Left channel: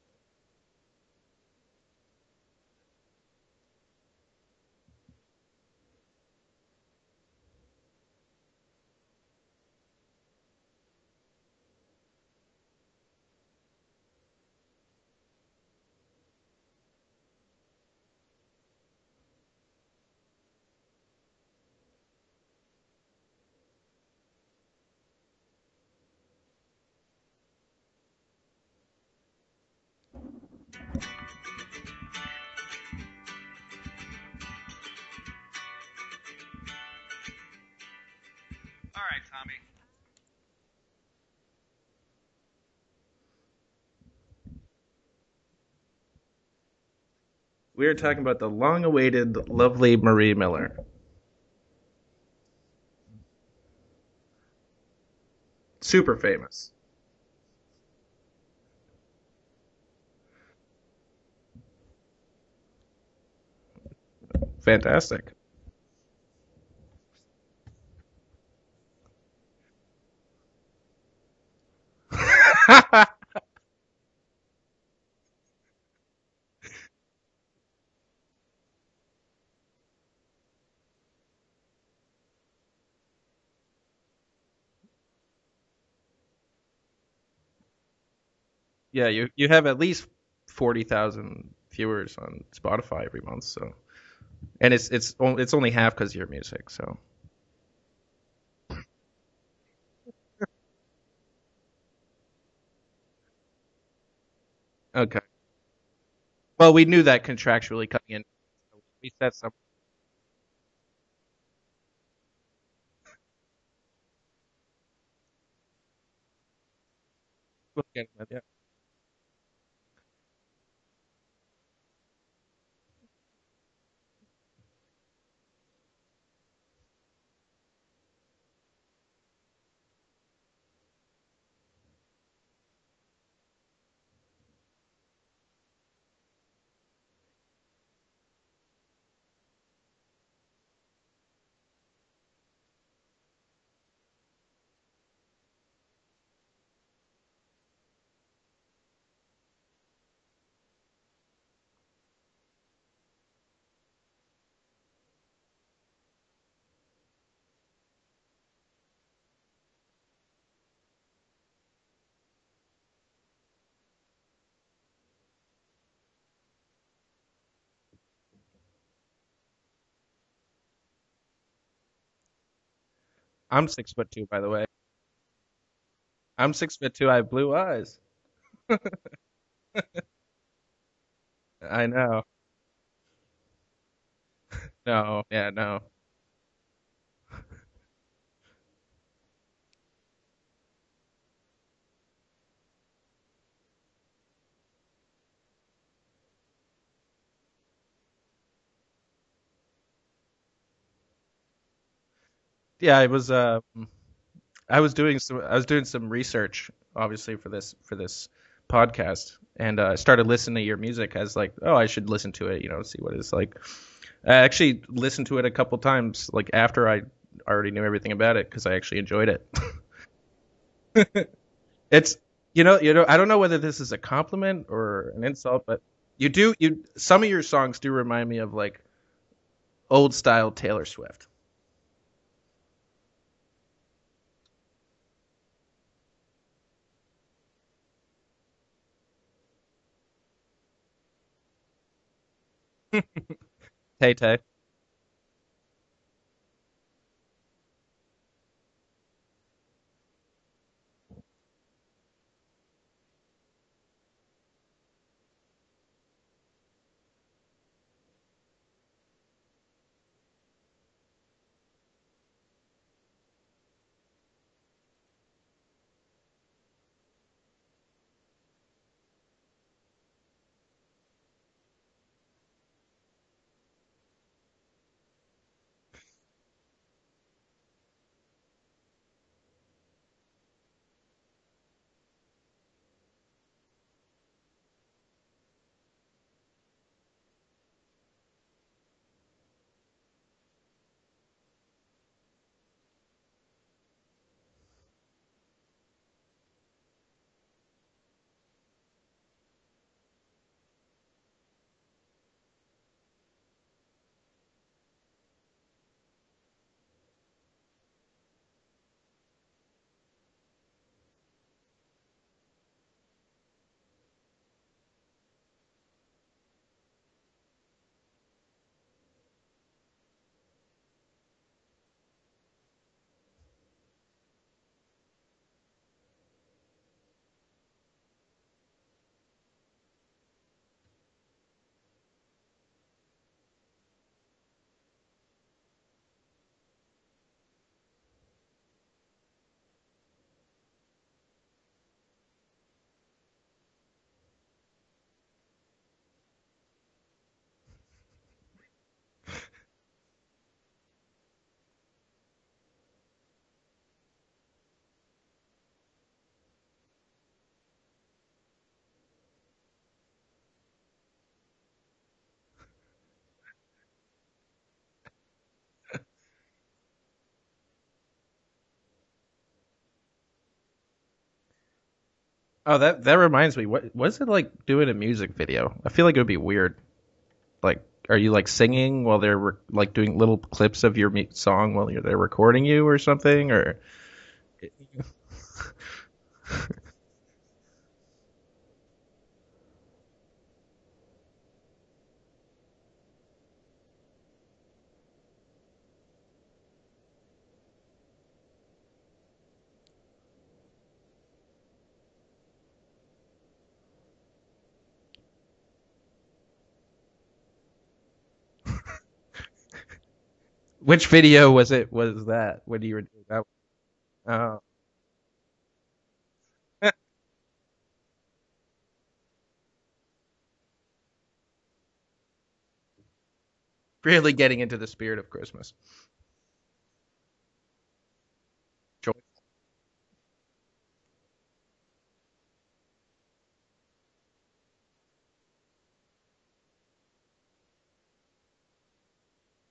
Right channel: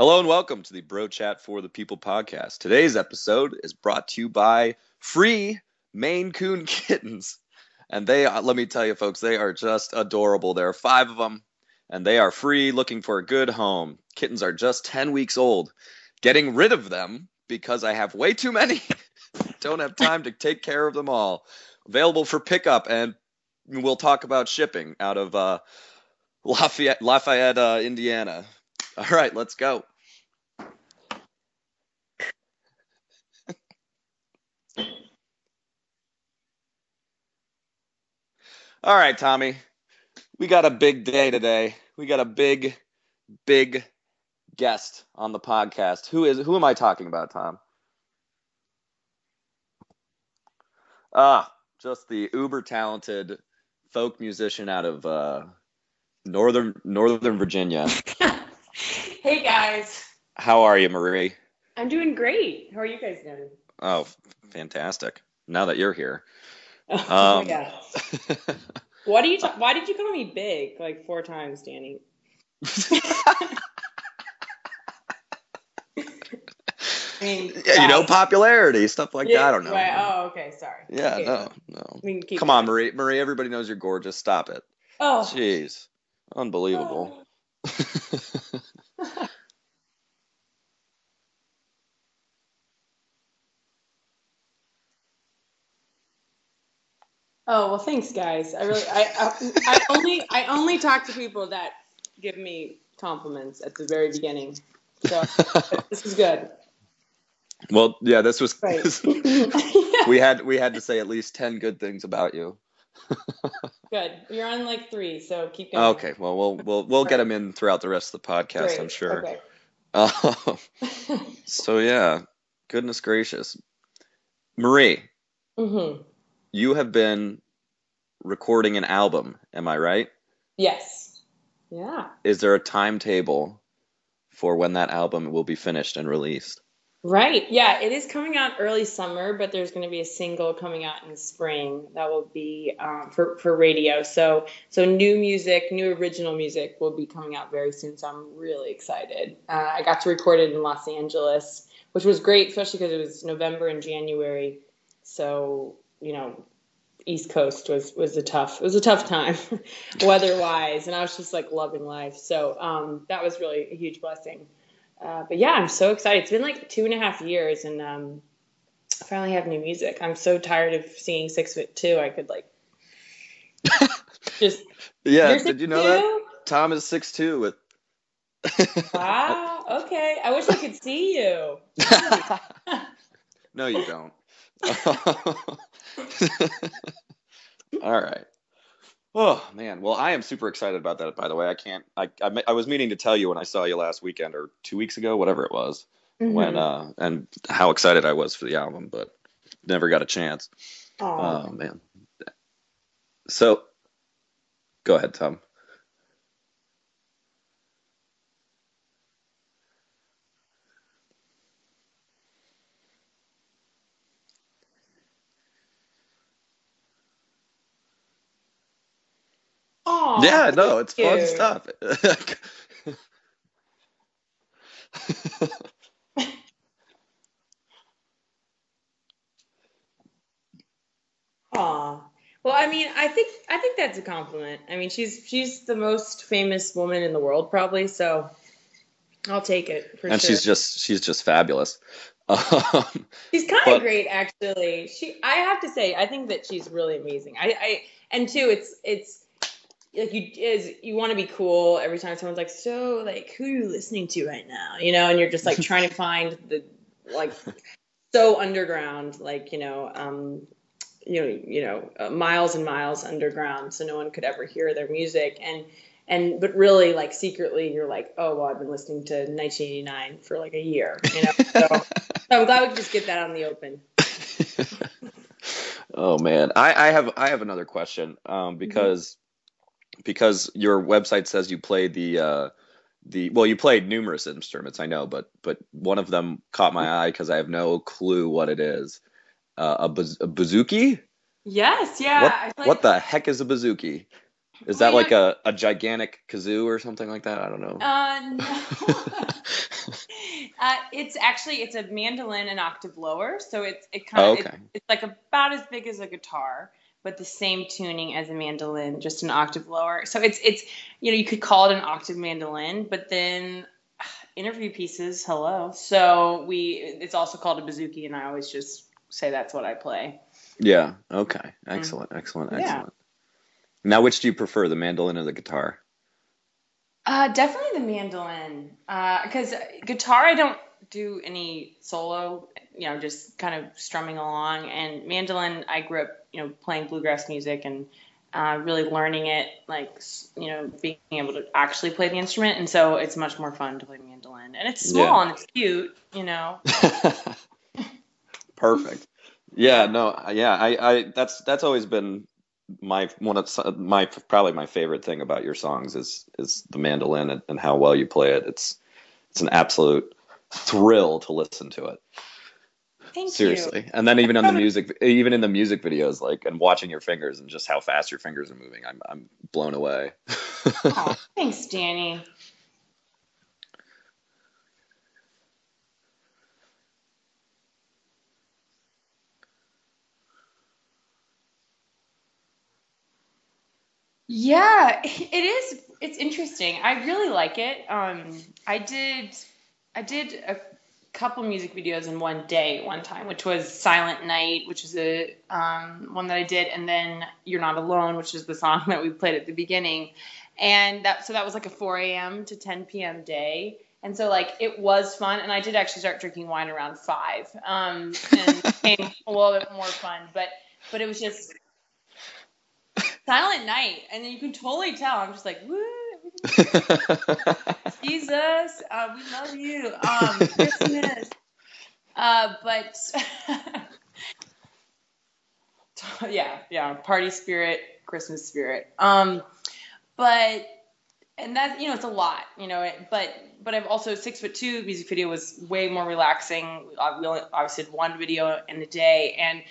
Hello and welcome to the Bro Chat for the People podcast. Today's episode is brought to you by Free Maine Coon Kittens. And let me tell you folks, they are just adorable. There are 5 of them and they are free, looking for a good home. Kittens are just 10 weeks old. Getting rid of them because I have way too many. Don't have time to take care of them all. Available for pickup, and we'll talk about shipping out of Lafayette, Indiana. All right, let's go. All right, Tommy. We got a big day today. We got a big guest on the podcast. Who am I talking about, Tom? We are talking about the long-awaited, lovely Marie Miller. Just the uber talented folk musician out of super famous Northern Virginia. Hey guys. How are you, Marie? I'm doing great. How are you guys doing? Oh, fantastic. Now that you're here. Oh my God. Why did you call me big like 4 times, Danny? I mean, yeah, popularity, stuff like that. I don't know. Right. Oh, okay. Sorry. Yeah, okay, no. Come on, Marie. Marie, everybody knows you're gorgeous. Stop it. Oh. Jeez. Unbelievable. Yeah, you have at least 40,000 viewers on Spotify every month, so. And it's only half because of your music, so. Oh, well, thanks, guys. I only talk to people that give me compliments at the very beginning. Okay. So, this is good. Well, we knew that contractually. Well, yeah, this was. Right. we had to say at least 10 good things about you. Good. You're on like 3, so keep going. Okay. Well, we'll get them in throughout the rest of the podcast, Great. I'm sure. Okay. So yeah, goodness gracious, Marie. Mm-hmm. You have been recording an album, am I right? Yes. Yeah. Is there a timetable for when that album will be finished and released? Right. Yeah, it is coming out early summer, but there's going to be a single coming out in the spring that will be for radio. So new music, new original music will be coming out very soon. So I'm really excited. I got to record it in Los Angeles, which was great, especially because it was November and January. So, East Coast was a tough time weather-wise, and I was just like loving life. So that was really a huge blessing. But yeah, I'm so excited. It's been like 2.5 years, and I finally have new music. I'm so tired of singing 6'2". I could like. I'm 6'2", by the way. Yeah, did you know that? I'm Tom 6'2". I have blue eyes. Wow. Okay. I wish I could see you. I know. No, you don't. No. All right. Oh man, well I am super excited about that. By the way, I was meaning to tell you when I saw you last weekend or 2 weeks ago, whatever it was, Mm-hmm. when and how excited I was for the album, but never got a chance. Aww. Oh man. Yeah, I was. I was doing some research, obviously for this podcast, and I started listening to your music as like, oh, I should listen to it, see what it's like. I actually listened to it a couple times, like after I already knew everything about it, because I actually enjoyed it. Aww, Yeah, no, it's fun dude. stuff. It's I don't know whether this is a compliment or an insult, but some of your songs do remind me of like old style Taylor Swift. Aw. Well, I mean, I think that's a compliment. I mean, she's the most famous woman in the world, probably. So I'll take it for and sure. she's just fabulous. She's kind of great, Tay-Tay. actually. I have to say, I think that she's really amazing. And too, it's like you want to be cool every time someone's like, so like, who are you listening to right now? And you're just like trying to find the like so underground, like miles and miles underground, so no one could ever hear their music. But really, like secretly, you're like, oh well, I've been listening to 1989 for like a year, So I'm glad we could just get that on the open. Oh man, I have another question, because your website says you played you played numerous instruments, I know, but one of them caught my eye because I have no clue what it is. A bouzouki? Yes, yeah. What the heck is a bouzouki? Is that like a gigantic kazoo or something like that? I don't know. No. It's a mandolin an octave lower, so it's like about as big as a guitar, but the same tuning as a mandolin, just an octave lower. So it's you could call it an octave mandolin, but then interview pieces, hello. So it's also called a bouzouki, and I always just say that's what I play. Yeah. Okay. Excellent. Yeah. Now, which do you prefer, the mandolin or the guitar? Definitely the mandolin. Because guitar, I don't do any solo, just kind of strumming along. And mandolin, I grew up, playing bluegrass music and really learning it, like, being able to actually play the instrument. And so it's much more fun to play mandolin. And it's small and it's cute, Perfect. Yeah, no, yeah, I that's always been probably my favorite thing about your songs is the mandolin and how well you play it. It's an absolute thrill to listen to it. Thank Seriously. you. And then even in the music videos, like, and watching your fingers and just how fast your fingers are moving, I'm blown away. Oh, thanks, Danny. Oh, that reminds me. What's it like doing a music video? I feel like it would be weird. Like, are you like singing while they're like doing little clips of your song while they're recording you or something? Or yeah, it is. It's interesting. I really like it. I did a couple music videos in one day one time, which was Silent Night, which is a one that I did, and then You're Not Alone, which is the song that we played at the beginning. And that was like a 4 a.m. to 10 p.m. day. And so, like, it was fun, and I did actually start drinking wine around 5, and it became a little bit more fun. Which video was that? When you were Silent Night, and you can totally tell. I'm just like, woo, Jesus, we love you, Christmas. But really getting into the spirit of Christmas. Yeah, party spirit, Christmas spirit. And that, it's a lot, but I've also 6'2" music video was way more relaxing. We only obviously did one video in a day, and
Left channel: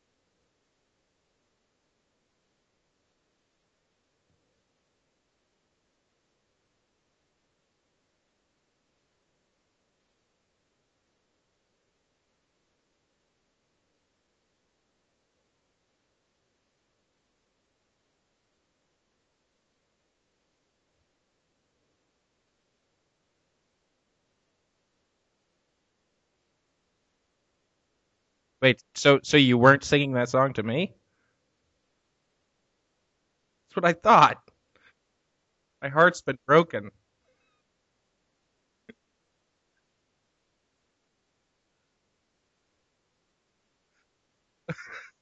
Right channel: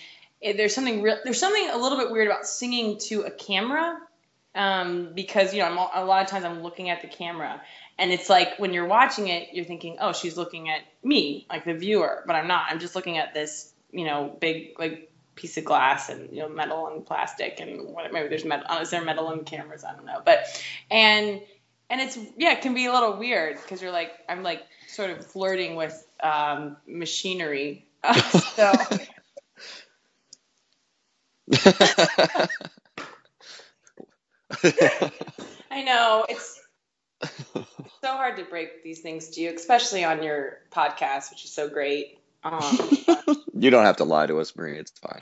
there's something a little bit weird about singing to a camera, because a lot of times I'm looking at the camera, and it's like when you're watching it, you're thinking, oh, she's looking at me, like the viewer, but I'm not. I'm just looking at this, big like piece of glass and metal and plastic and maybe there's metal. Is there metal in cameras? I don't know, but and it's it can be a little weird because you're like, I'm like sort of flirting with machinery. So you weren't singing that song to me? That's what I thought. I know. My heart's been broken. So hard to break these things to you, especially on your podcast, which is so great. You don't have to lie to us, Marie. It's fine.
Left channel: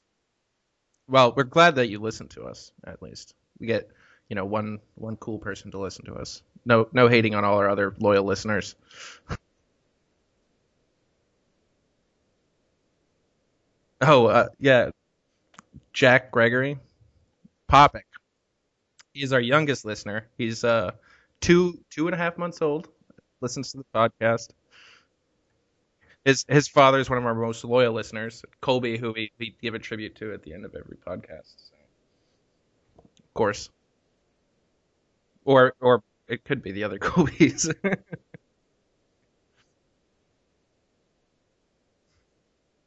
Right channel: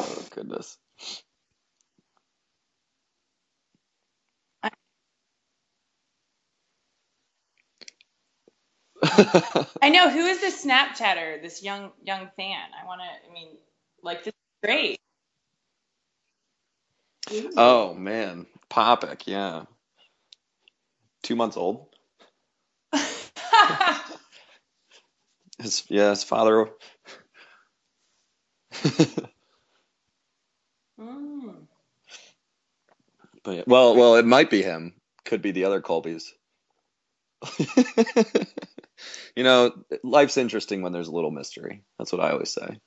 Oh, goodness. Well, we're glad that you listen to us, at least. We get, one cool person to listen to us. No hating on all our other loyal listeners. I know. Who is this Snapchatter, this young fan? Yeah. Jack Gregory. Oh, Popic. Man. Popic. He's our youngest listener. He's 2 months old. 2.5 months old. Listens to the podcast. His father is one of our most loyal listeners, Colby, who we give a tribute to at the end of every podcast. Of course. Well, it might be him. Could be the other Colbys. It could be the other Colbys. Life's interesting when there's a little mystery. That's what I always say.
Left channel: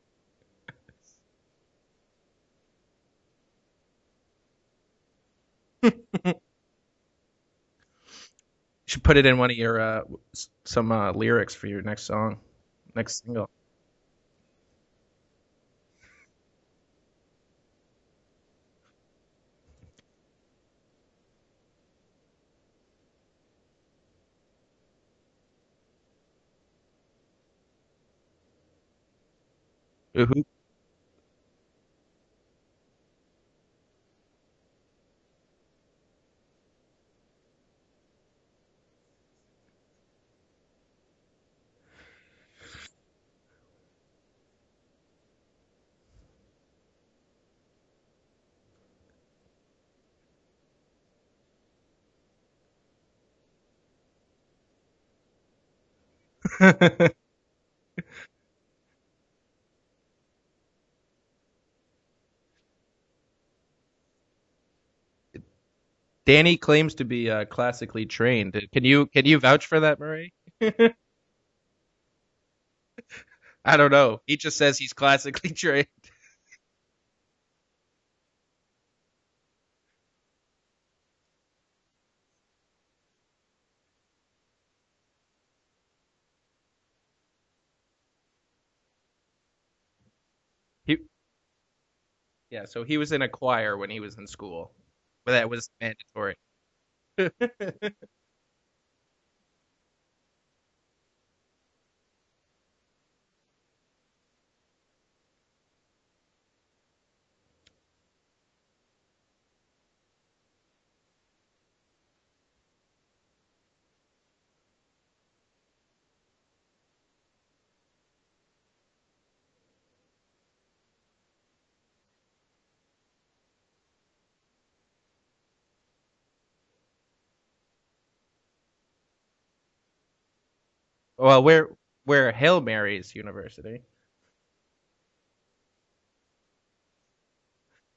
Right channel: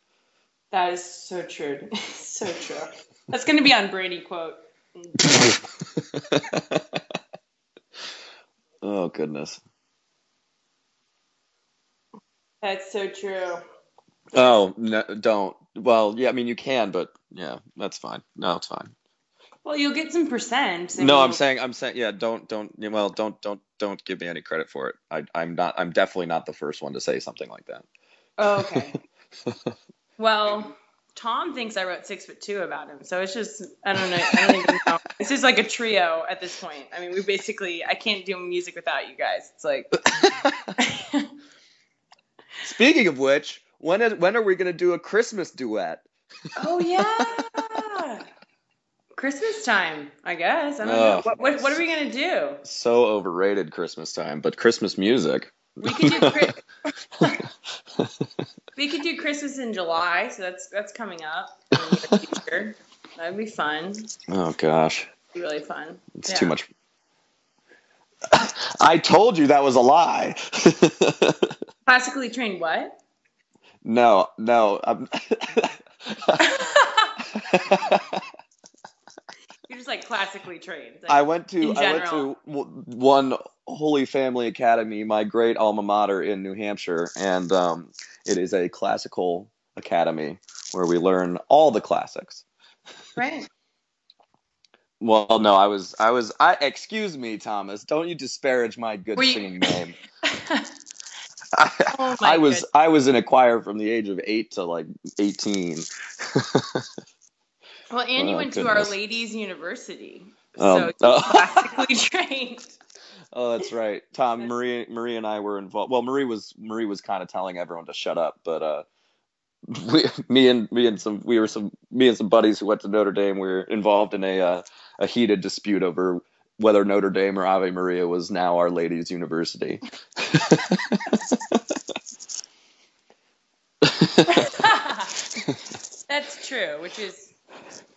That is so true. So true. That's going to be on Brady quote. Should put it in one of your some lyrics for your next song. That's so true. Oh, no, don't. Well, yeah, I mean you can, but yeah, that's fine. No, it's fine. Well, you'll get some percent. No, I'm saying, yeah, don't give me any credit for it. I'm definitely not the first one to say something like that. Oh, okay. Well, Tom thinks I wrote 6'2" about him, so it's just I don't even know. It's just like a trio at this point. I mean, I can't do music without you guys. It's like. Speaking of which, when are we gonna do a Christmas duet? Oh yeah, Christmas time, I guess. I don't know. What are we gonna do? So overrated Christmas time, but Christmas music. We could do we could do Christmas in July, so that's coming up in the future. That'd be fun. Oh gosh. really fun. Danny claims to be classically trained. I told you that was a lie. Classically trained what? I don't know. No, he just says he's classically trained. You're just like classically trained. Like, I went to one Holy Family Academy, my great alma mater in New Hampshire, and it is a classical academy where we learn all the classics. Yeah, so he was in a choir when he was in school. Well, no, excuse me, Thomas. Don't you disparage my good singing name. I was in a choir from the age of 8 to like 18. Well, and you went to Our Ladies University, so classically trained. Oh, that's right, Tom. Marie and I were involved. Well, Marie was kind of telling everyone to shut up, but me and some buddies who went to Notre Dame were involved in a heated dispute over whether Notre Dame or Ave Maria was now Our Ladies University. Well, we're Hail Mary's University. That's true, which is.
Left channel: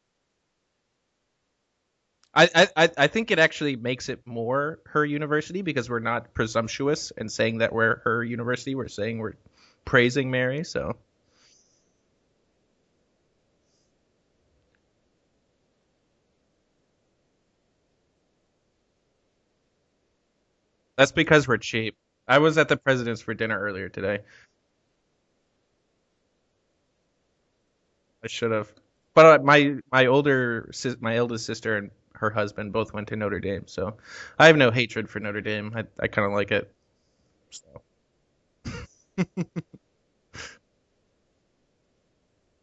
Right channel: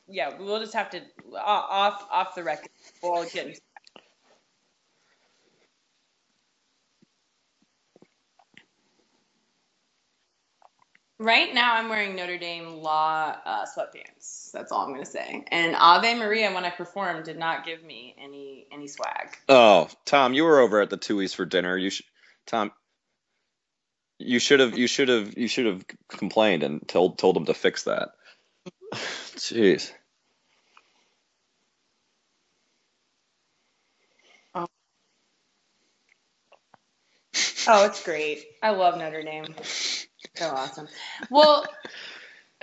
Yeah, we'll just have to off. I think it actually makes it more her university because we're not presumptuous and saying that we're her university. We're saying we're praising Mary. So right now I'm wearing Notre Dame Law sweatpants. That's all I'm gonna say. And Ave Maria, when I performed, did not give me any swag. Oh, Tom, you were over at the That's Tui's because for we're dinner. cheap. I was at the President's for dinner earlier today. You should have complained and told them to fix that. I should have. But my eldest sister and her husband both went to Notre Dame, so I have no hatred for Notre Dame. I kind of like it. Oh, it's great. I love Notre Dame. So awesome. Well,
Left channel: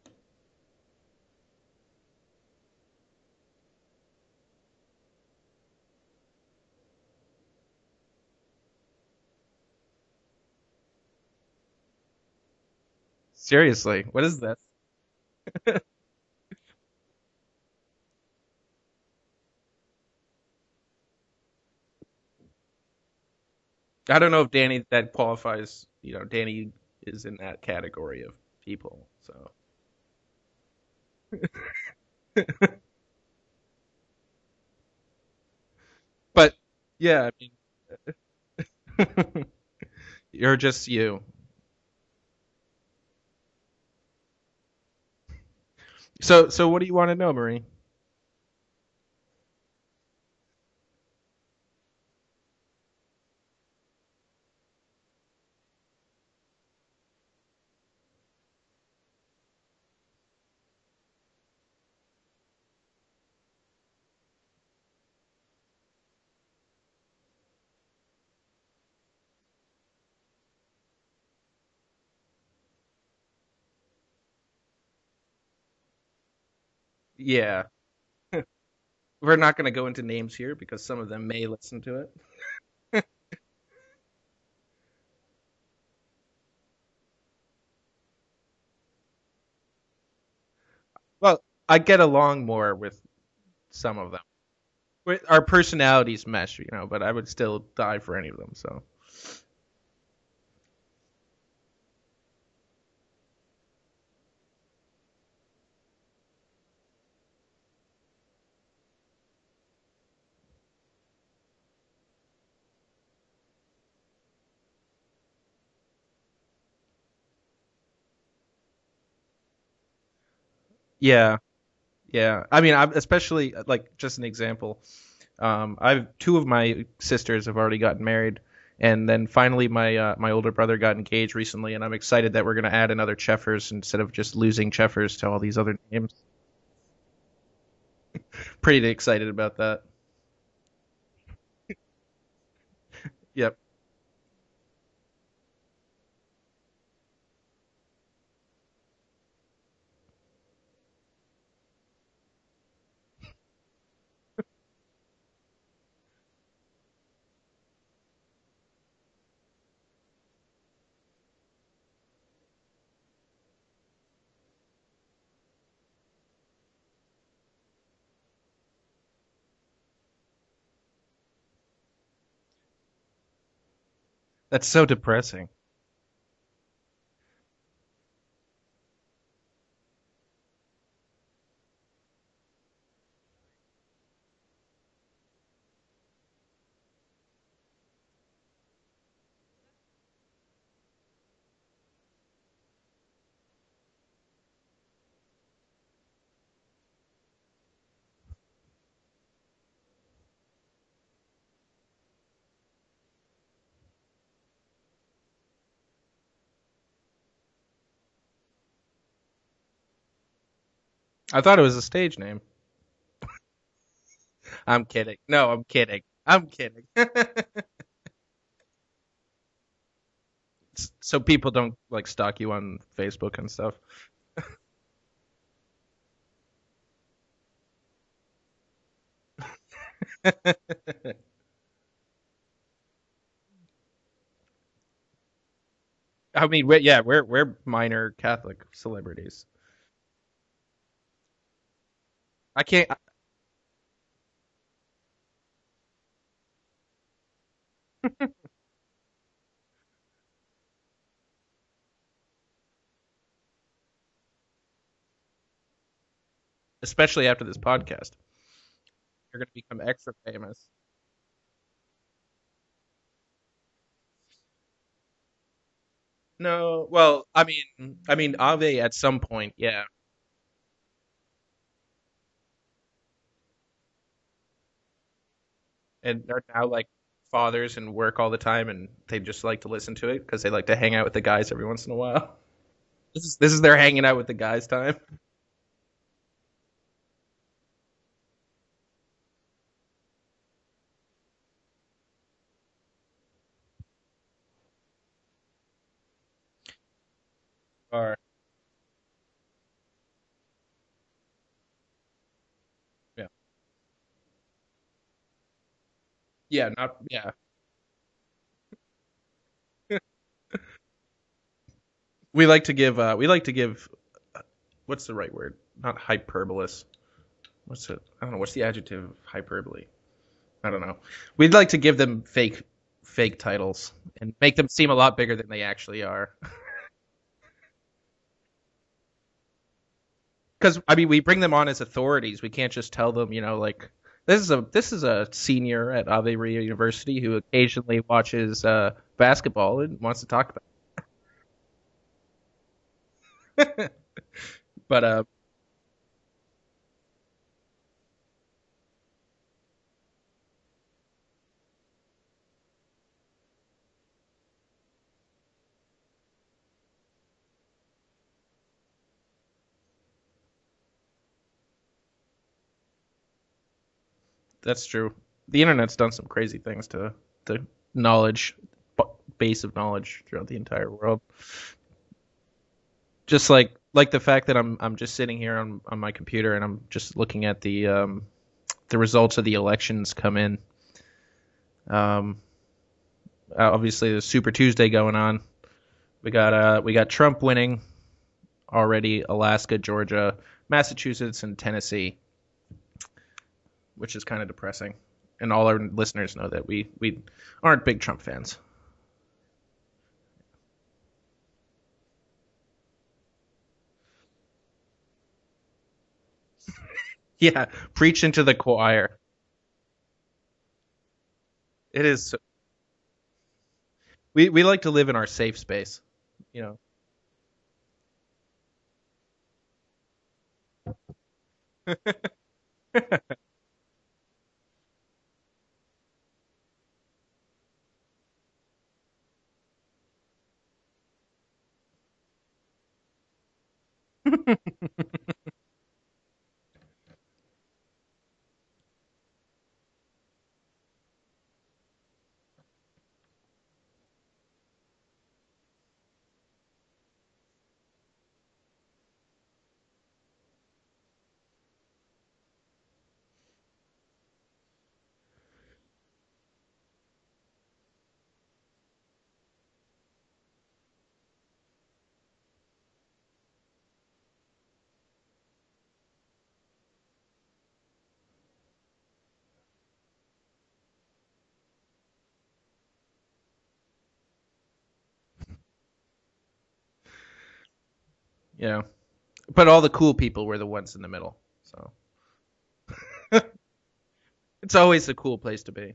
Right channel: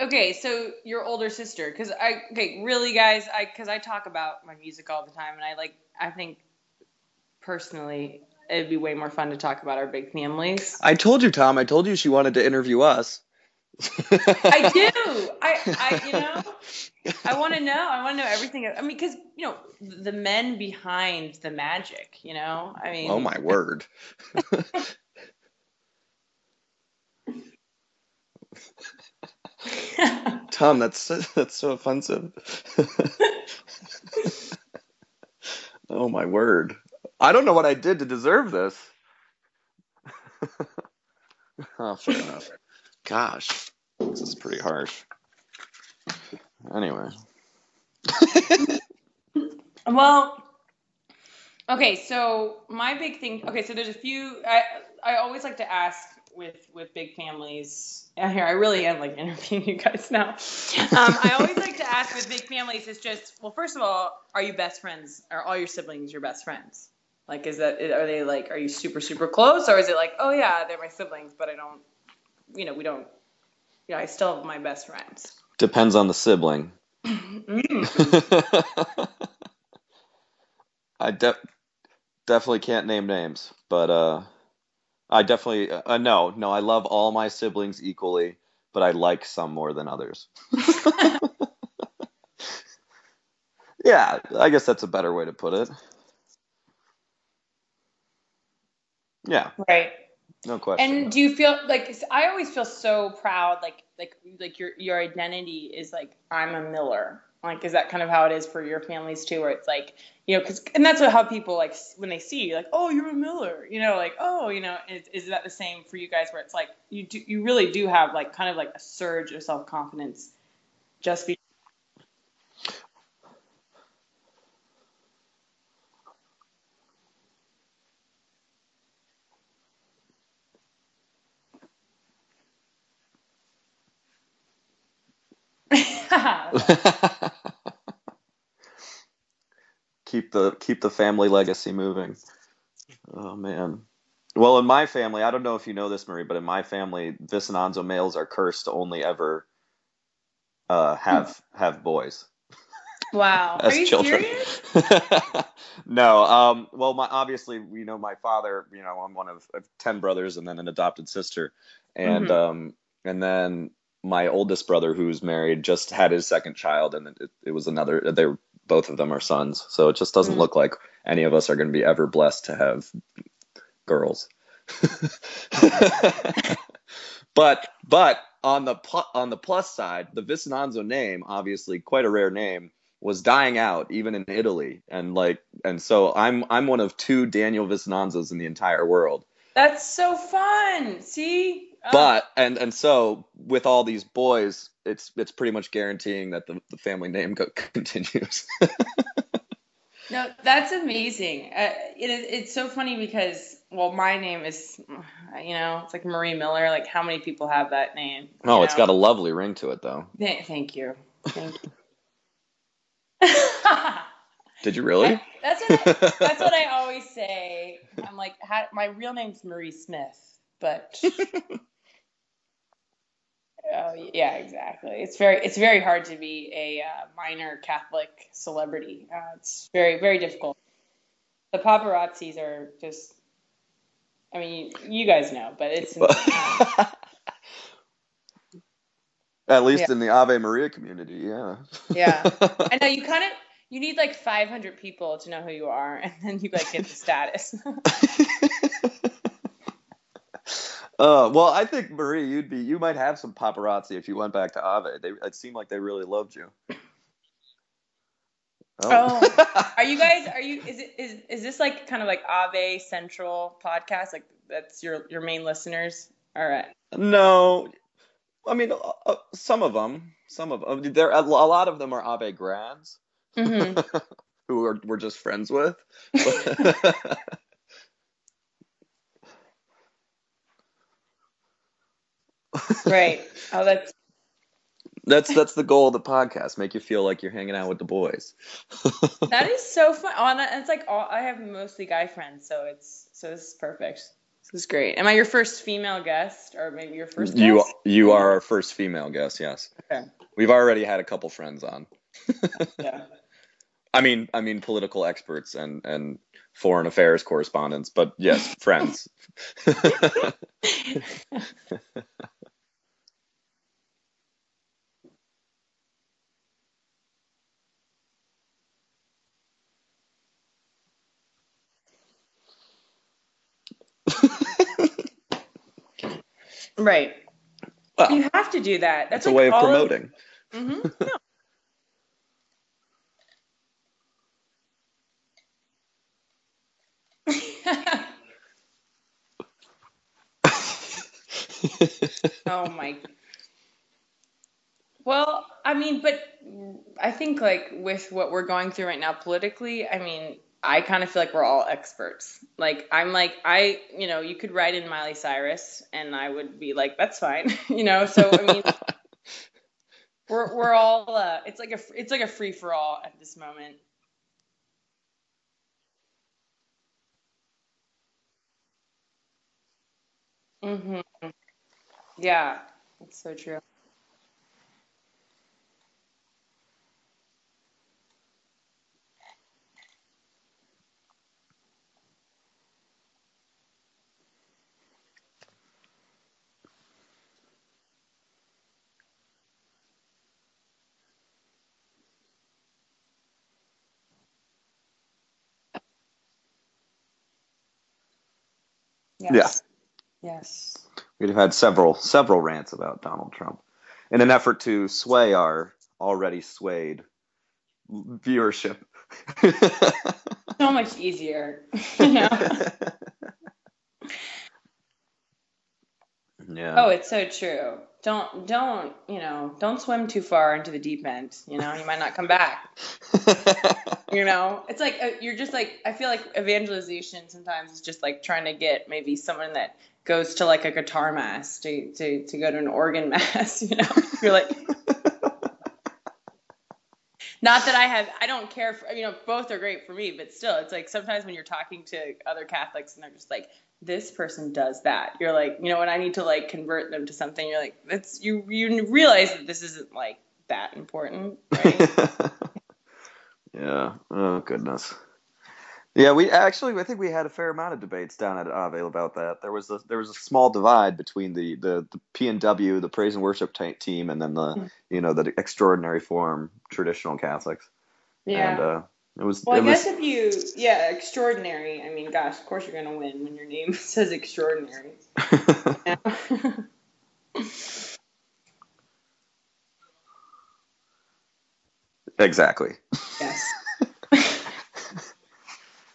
okay, so your older sister, really, guys, because I talk about my music all the time, and I think personally, it'd be way more fun to talk about our big families. I told you, Tom. I told you she wanted to interview us. Seriously. What is that? I do. I want to know. I want to know everything. I mean, because, the men behind the magic, I mean. Oh, my word. I don't know if that qualifies. Danny is in that category of people. So. Tom, that's so offensive. Oh, my word. Yeah. I don't know what I did to deserve this. You're just you. Oh, fair enough. Gosh, this is pretty harsh. So what do you want to know, Marie? Well, okay, so my big thing. Okay, so there's a few. I always like to ask with big families. Here, I really am like interviewing you guys now. I always like to ask with big families. It's just, well, first of all, are you best friends? Are all your siblings your best friends? Like, are they like, are you super, super close? Or is it like, oh yeah, they're my siblings, but I don't, we don't, I still have my best friends. Depends on the sibling. Yeah. We're not going to go into names here because some of them may listen to it. Definitely can't name names, but I definitely, no, I love all my siblings equally, but I like some more than others. Well, I get along more with some. Yeah, I guess that's a better way to put it. Our personalities mesh, but I would still die for any of them, so. Yeah. Right. No question. And do you feel like, I always feel so proud, like your identity is like, I'm a Miller. Like, is that kind of how it is for your families too, where it's like, and that's how people like when they see you, like, oh, you're a Miller, like, oh, is that the same for you guys, where it's like you really do have like kind of like a surge of self-confidence? Yeah. Yeah. I mean, I'm especially like just an example. Two of my sisters have already gotten married. And then finally, my older brother got engaged recently, and I'm excited that we're going to add another Cheffers instead of just losing Cheffers to all these other names. Pretty excited about that. Keep the family legacy moving. Oh, yep. Man. Well, in my family, I don't know if you know this, Marie, but in my family, Vicinanzo males are cursed to only ever have boys. Wow. As are you children. Serious? No. Well, obviously, my father, I'm one of 10 brothers and then an adopted sister. And and then my oldest brother, who's married, just had his second child, and it was another. Both of them are sons. So it just doesn't look like any of us are going to be ever blessed to have girls. That's so depressing. But on the plus side, the Vicinanzo name, obviously quite a rare name, was dying out even in Italy, and so I'm one of 2 Daniel Vicinanzas in the entire world. That's so fun. See? But and so with all these boys, it's pretty much guaranteeing that the family name continues. No, that's amazing. It's so funny because, well, my name is, it's like Marie Miller. Like, how many people have that name? Oh, it's got a lovely ring to it, though. Thank you. I thought it was a stage name. Did you really? Kidding. No, I'm kidding. That's what I always say. I'm like, my real name's Marie Smith, but so people don't like stalk you on Facebook and stuff. Yeah, exactly. It's very hard to be a minor Catholic celebrity. It's very, very difficult. The paparazzis are just. I mean, you guys know, but it's. I mean, we're minor Catholic celebrities. At least in the Ave Maria community, yeah. Yeah, I know you need like 500 people to know who you are, and then you like get the status. Well, I think Marie, you might have some paparazzi if you went back to Ave. It seemed like they really loved you, especially after this podcast. Oh. Is this like kind of like Ave Central podcast? Like that's your main listeners? No. Well, no. I mean Ave at some point. Some of them. There a lot of them are Ave grads. Mm-hmm. who we're just friends with. And have like fathers and work all the time, and they just like to listen to it because they like to hang out with the guys every once in a while. Right. This is their hanging out with the guys time. That's the goal of the podcast. Make you feel like you're hanging out with the boys. That is so fun. It's like I have mostly guy friends, so this is perfect. This is great. Am I your first female guest, or maybe your first guest? You are our first female guest, yes. Okay. We've already had a couple friends on. Yeah. I mean, political experts and foreign affairs correspondents, but yes, friends. We like to give. What's the right word? Not hyperbolous. What's it? I don't know. What's the adjective of hyperbole? I don't know. We'd like to give them fake titles, make them seem a lot bigger than they actually are. Right. Well, you have to do that. That's a way of promoting. Because I mean, we bring them on as authorities. We can't just tell them, like this is a senior at Ave Maria University who occasionally watches basketball and wants to talk. Oh my. But well, I mean, but I think like with what we're going through right now politically, I mean, I kind of feel like we're all experts. Like you could write in Miley Cyrus, and I would be like, that's fine, So I mean. We're all it's like a free for all at this moment. That's true. The internet's done some crazy things to the base of knowledge throughout the entire world. Yeah. So just true. like the fact that I'm just sitting here on my computer and I'm just looking at the results of the elections come in. Obviously there's Super Tuesday going on. We got Trump winning. Already Alaska, Georgia, Massachusetts, and Tennessee, which is kind of depressing. And all our listeners know that we aren't big Trump fans. Yes. Yeah. Yes. We've had several rants about Donald Trump in an effort to sway our already swayed. Yeah, preach into the choir. So much easier. It is. We like to live in our safe space. Yeah. Oh, it's so true. Don't swim too far into the deep end. You might not come back. It's like you're just like, I feel like evangelization sometimes is just like trying to get maybe someone that goes to like a guitar mass to go to an organ mass. You're like, not that I don't care for, both are great for me, but still, it's like sometimes when you're talking to other Catholics and they're just like, this person does that. You're like, when I need to like convert them to something, you're like, you realize that this isn't like that important, right? Yeah. Oh goodness. Yeah, I think we had a fair amount of debates down at Ave about that. There was a small divide between the P&W, the praise and worship team, and then the extraordinary form traditional Catholics. Yeah. And, I guess extraordinary. I mean, gosh, of course you're going to win when your name says extraordinary. Yeah. But all the cool people were the ones in the middle. So exactly. Yes. It's always a cool place to be.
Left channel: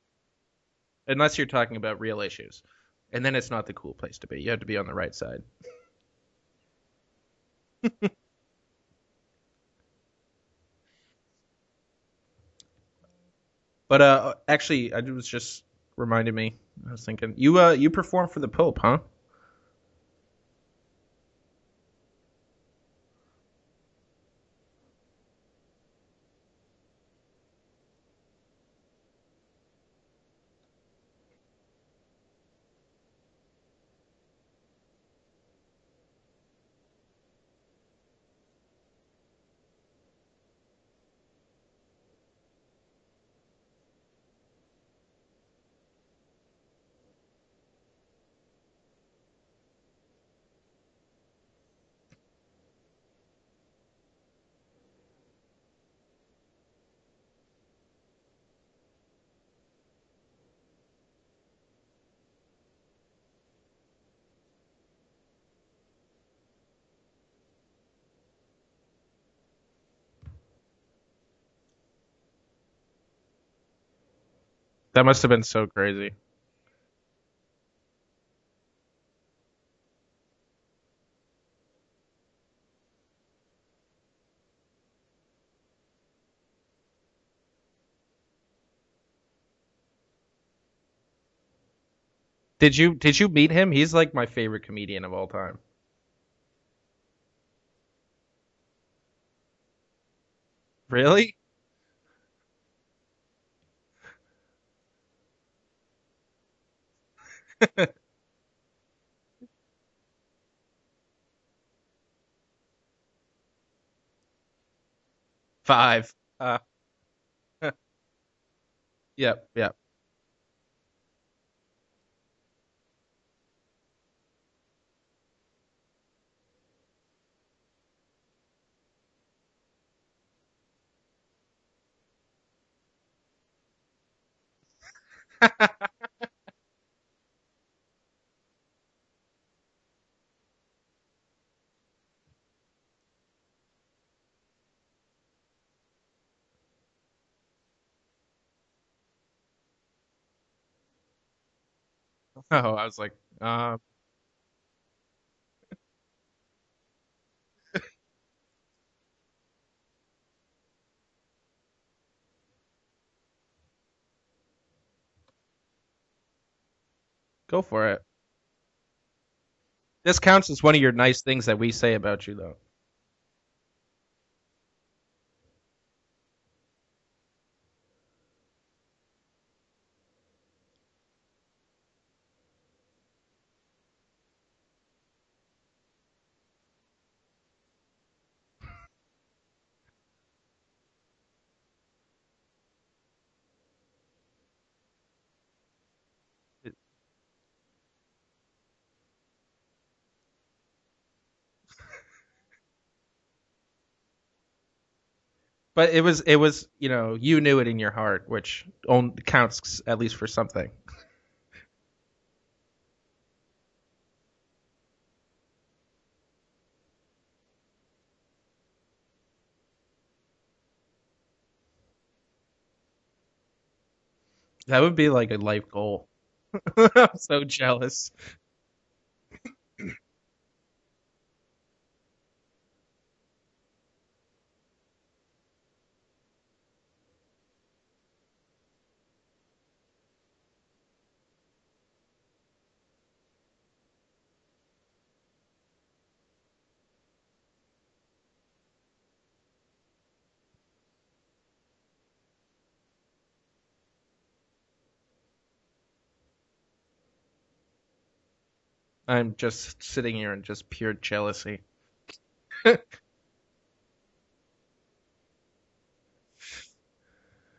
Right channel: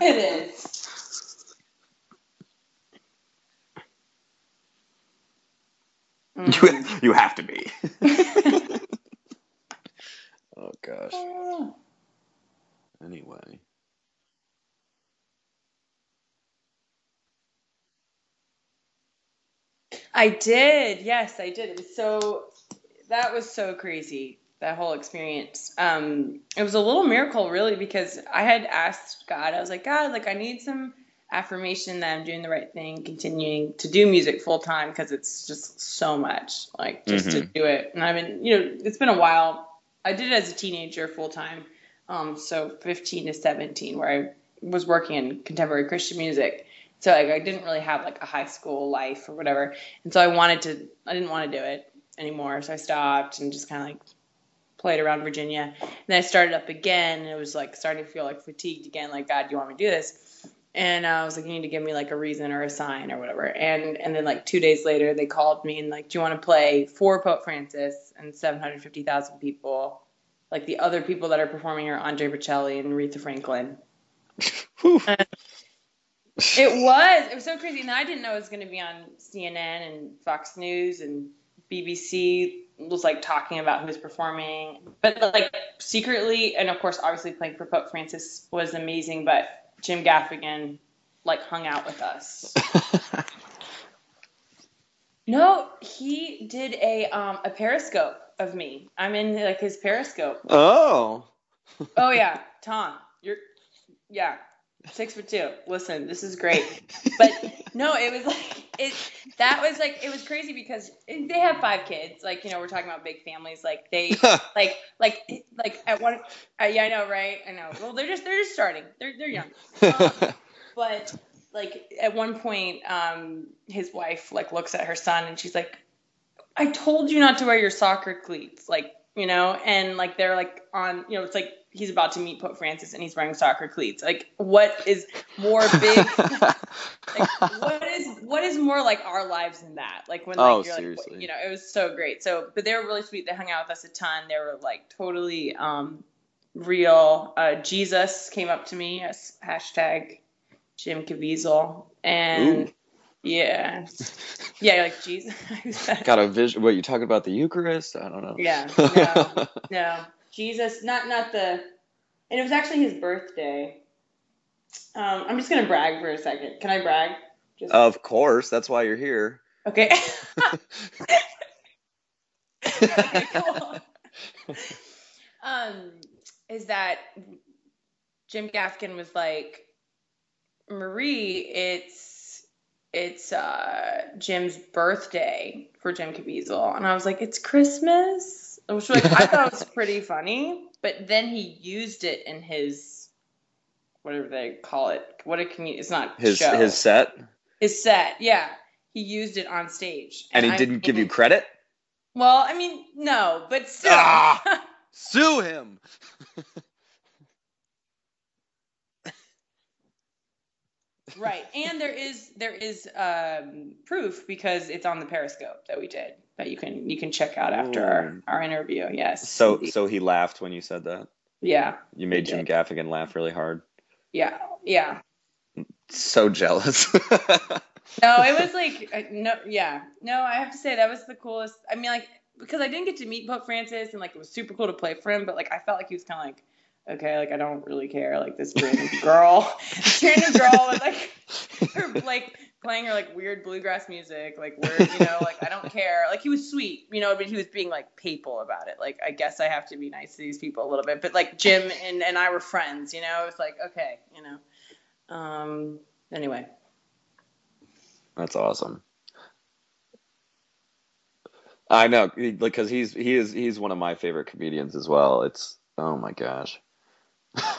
It is. Unless you're talking about real issues. And then it's not the cool place to be. You have to be on the right side. You have to be. Oh gosh. Anyway. But actually, it was just reminded me. I was thinking you performed for the Pope, huh? I did. Yes, I did. That was so crazy. That whole experience. It was a little miracle, really, because I had asked God. I was like, God, like I need some affirmation that I'm doing the right thing, continuing to do music full time, because it's just so much, like just to do it. And I've been, it's been a while. I did it as a teenager full time, so 15 to 17, where I was working in contemporary Christian music. So like I didn't really have like a high school life or whatever, and so I didn't want to do it anymore. So I stopped and just kind of like played around Virginia. And then I started up again, and it was like starting to feel like fatigued again. Like, God, do you want me to do this? And I was like, you need to give me like a reason or a sign or whatever. And then like 2 days later, they called me and like, do you want to play for Pope Francis and 750,000 people? Like the other people that are performing are Andre Bocelli and Aretha Franklin. That must have been so crazy. It was so crazy. And I didn't know it was going to be on CNN and Fox News and BBC was like talking about who was performing. But like secretly, and of course, obviously playing for Pope Francis was amazing. But Jim Gaffigan like hung out with us. Did you meet him? He's like my favorite comedian of all time. No, he did a Periscope of me. I'm in like his Periscope. Oh, really? Oh yeah, Tom, you're 6'2". Listen, this is great. But no, it was like it was crazy because they have 5 kids. Like, we're talking about big families. Like they like 5. Yeah, I know, right? I know. Well, they're just starting. They're young. Yeah. But like at one point, his wife like looks at her son and she's like, "I told you not to wear your soccer cleats." Like, and like they're like on, it's like he's about to meet Pope Francis and he's wearing soccer cleats. Like, what is more big? Like, what is more like our lives than that? Like when like you're seriously. like, it was so great. So, but they were really sweet. They hung out with us a ton. They were like totally real. Jesus came up to me as hashtag Jim Caviezel. And I was like, yeah, like Jesus. Got a vision. What, you talking about the Eucharist? I don't know. Yeah, no, Jesus, not the. And it was actually his birthday. I'm just gonna brag for a second. Can I brag? Go for it. Of course, that's why you're here. Okay. This counts as one of your nice things that we say about you, though. Okay, cool. Is that Jim Gaffigan was like, Marie, it's Jim's birthday for Jim Caviezel, and I was like, it's Christmas, which like I thought was pretty funny, but then he used it in his whatever they call it. It's not his show. His set. His set, yeah, he used it on stage, and he didn't give you credit. Well, I mean, no, but still. Sue him. But it was you knew it in your heart, which only counts at least for something. Right, and there is proof because it's on the Periscope that we did that you can check out after our interview. Yes. So he laughed when you said that. Yeah. You made Jim Gaffigan laugh really hard. Yeah. That would be like a life goal. So jealous. So jealous. No, it was like no. I have to say that was the coolest. I mean, like because I didn't get to meet Pope Francis and like it was super cool to play for him, but like I felt like he was kind of like, okay, like I don't really care, like this random girl with like her like playing her like weird bluegrass music, like weird, like I don't care. Like he was sweet, but he was being like papal about it. Like I guess I have to be nice to these people a little bit, but like Jim and I were friends, it was like okay, anyway. That's awesome. I'm just sitting here in just pure jealousy. I know, because he's one of my favorite comedians as well. It's oh my gosh.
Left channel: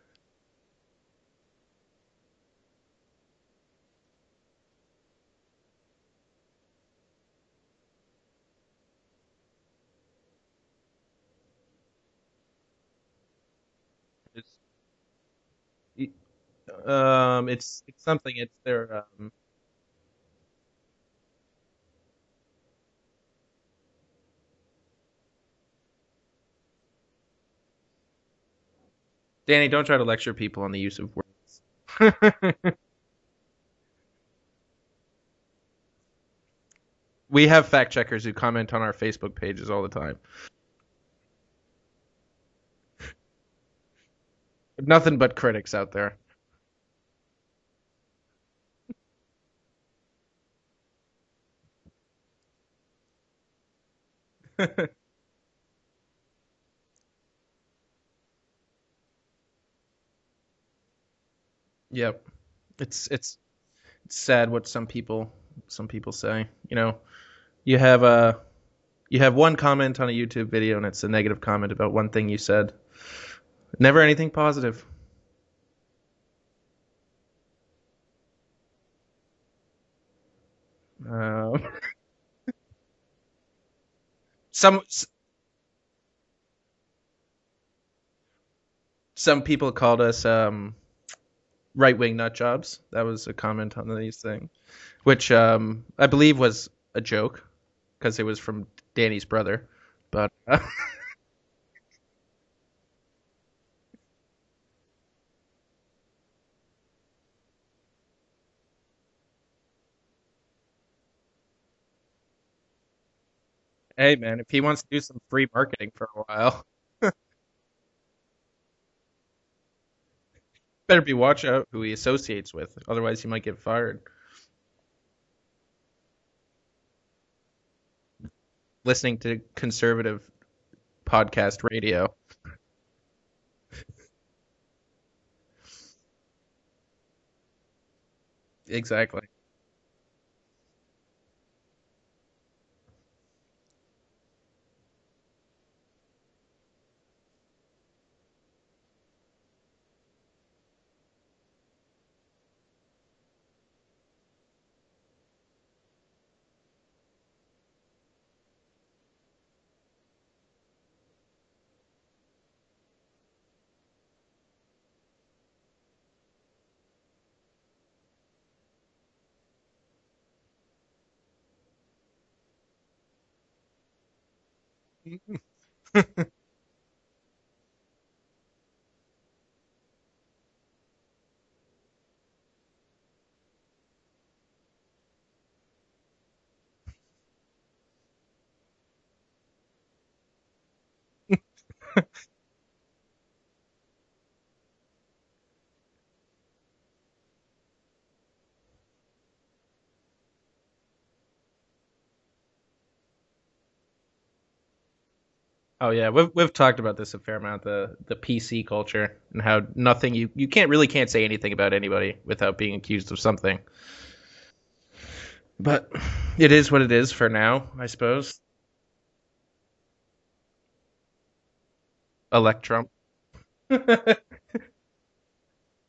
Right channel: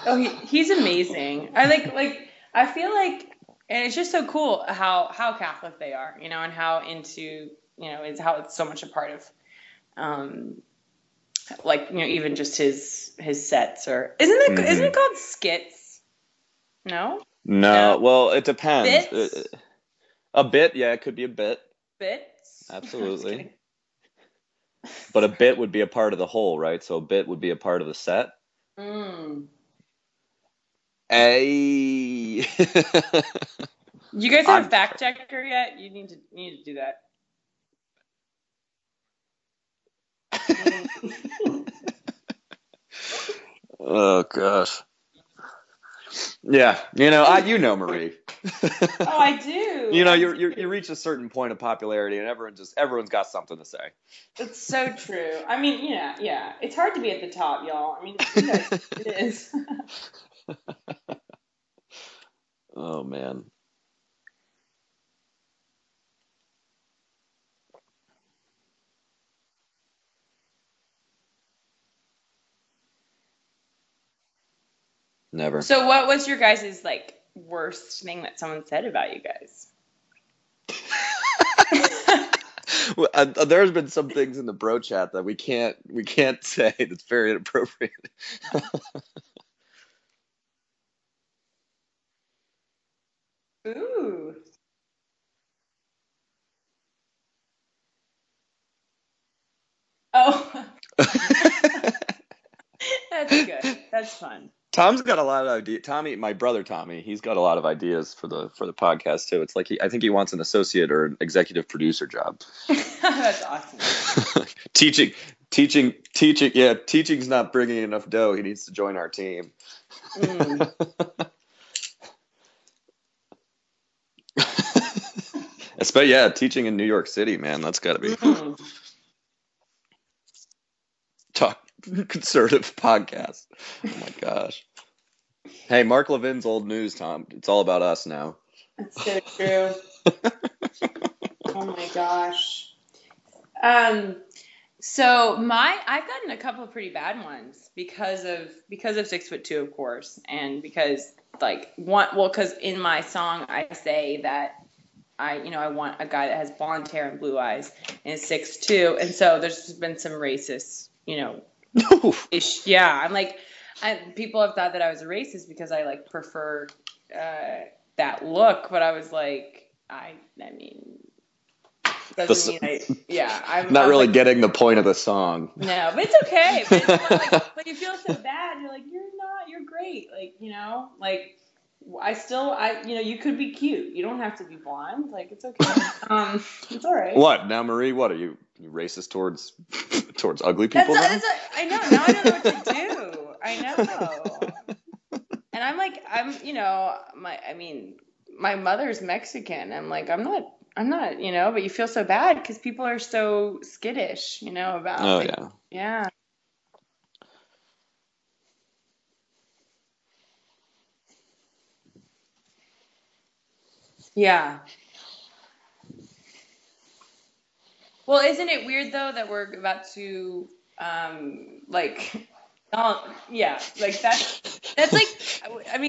Oh, he's amazing. I I feel like, and it's just so cool how Catholic they are, and how into, it's how it's so much a part of, even just his sets or isn't it called skits? No. Well, it depends. Bits? A bit, yeah, it could be a bit. Bits? Absolutely. But a bit would be a part of the whole, right? So a bit would be a part of the set. Danny, don't try to lecture people on the use of. Hey. You guys have a fact checker yet? You need to do that. We have fact checkers who comment on our Facebook pages all the time. Oh gosh. Nothing but critics out there. Yeah, Marie. Oh, I do. You reach a certain point of popularity, and everyone's got something to say. It's so true. I mean, yeah. It's hard to be at the top, y'all. I mean, it is. Yep. It's sad what some people say. You have one comment on a YouTube video, and it's a negative comment about one thing you said. Never anything positive. Never. So what was your guys' worst thing that someone said about you guys? There's been some things in the pro chat that we can't say. That's very inappropriate. Some people called us right-wing nut jobs. That was a comment on these things, which I believe was a joke because it was from Danny's brother. But, That's good. That's fun. Tom's got a lot of ideas. My brother Tommy, he's got a lot of ideas for the podcast too. It's like I think he wants an associate or an executive producer job. That's awesome. Hey man, he wants teaching. Yeah, teaching's not bringing enough dough. He needs to join our team. Better be watch out who he associates with, otherwise he might get fired. Teaching in New York City, man, that's got to be. Listening to conservative podcast radio. Conservative podcast. Oh my gosh. Hey, Mark Levin's old news, Tom. It's all about us now. Exactly. So true. Oh my gosh. So I've gotten a couple of pretty bad ones because of 6'2", of course, and because because in my song I say that I want a guy that has blonde hair and blue eyes and is 6'2", and so there's been some racist, ish. Yeah, I'm people have thought that I was a racist because I prefer that look, but I was I mean. Doesn't mean I'm not really getting the point of the song. No, but it's okay. But you feel so bad. You're you're great. You could be cute. You don't have to be blonde. It's okay. It's all right. What now, Marie? What are you racist towards ugly people? I know. Now I don't know what to do. I know. And my mother's Mexican. I'm not, but you feel so bad because people are so skittish, about. Oh yeah. We've talked about this a fair amount, the PC culture and how you can't say anything about anybody without being accused of something. Yeah. But it is what it is for now, I suppose. Well, isn't it weird though that we're about to Electron. Yeah, that's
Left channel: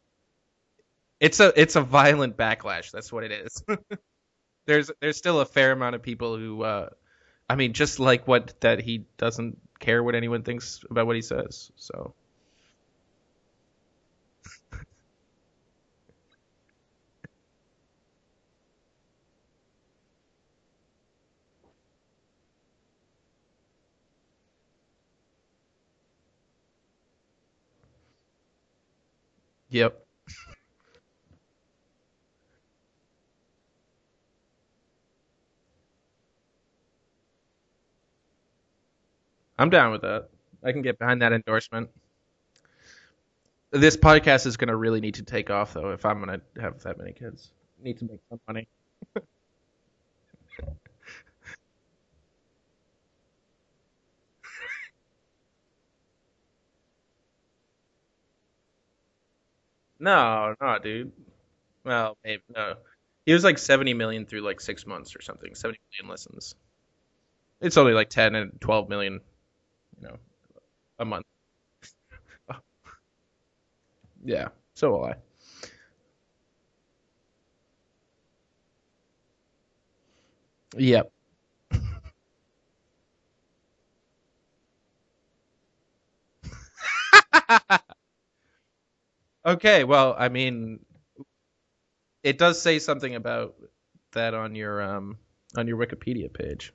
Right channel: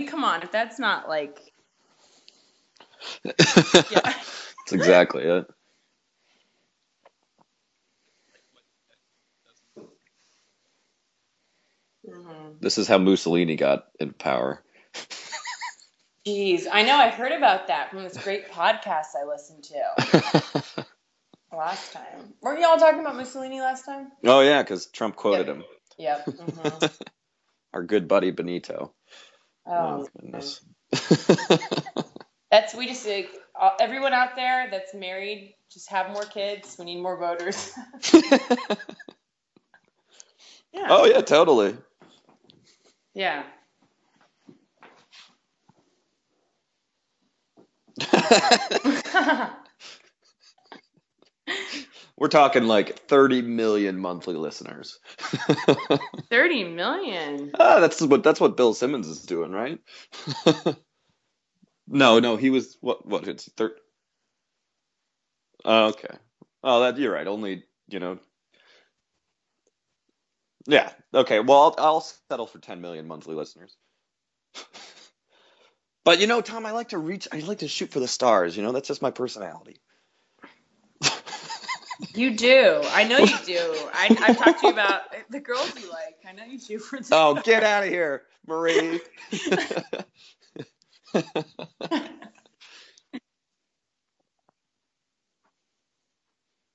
come on, if that's not it's a violent backlash. That's what it is. Yeah. There's still a fair amount of people who, just that he doesn't care what anyone thinks about what he says. So This is how Mussolini got in power. Jeez, I know. I heard about that from this great podcast I listened to last time. Weren't y'all talking about Mussolini last time? Oh yeah, because Trump quoted him. Yep. Mm-hmm. Our good buddy Benito. Yep. We just everyone out there that's married, just have more kids. We need more voters. I'm down with that. I can get behind that endorsement. Yeah. This podcast is going to really need to take off, though, if I'm going to have that many kids. We're talking 30 million monthly listeners. 30 million? That's what Bill Simmons is doing, right? No, dude. Well, no, he was what? He was 70 million through 6 months or something. 7 million listens. Oh, you're right. It's only 10 and 12 million. Yeah. Okay. Well, I'll settle for 10 million monthly listeners. Yeah. So will I. But Tom, I like to shoot for the stars. That's just my personality. Yeah. You do. I know you do. I've talked to you about the girls you like. I know you do. Oh, get out of here, Marie. Okay. Well, it does say something about that on your Wikipedia page.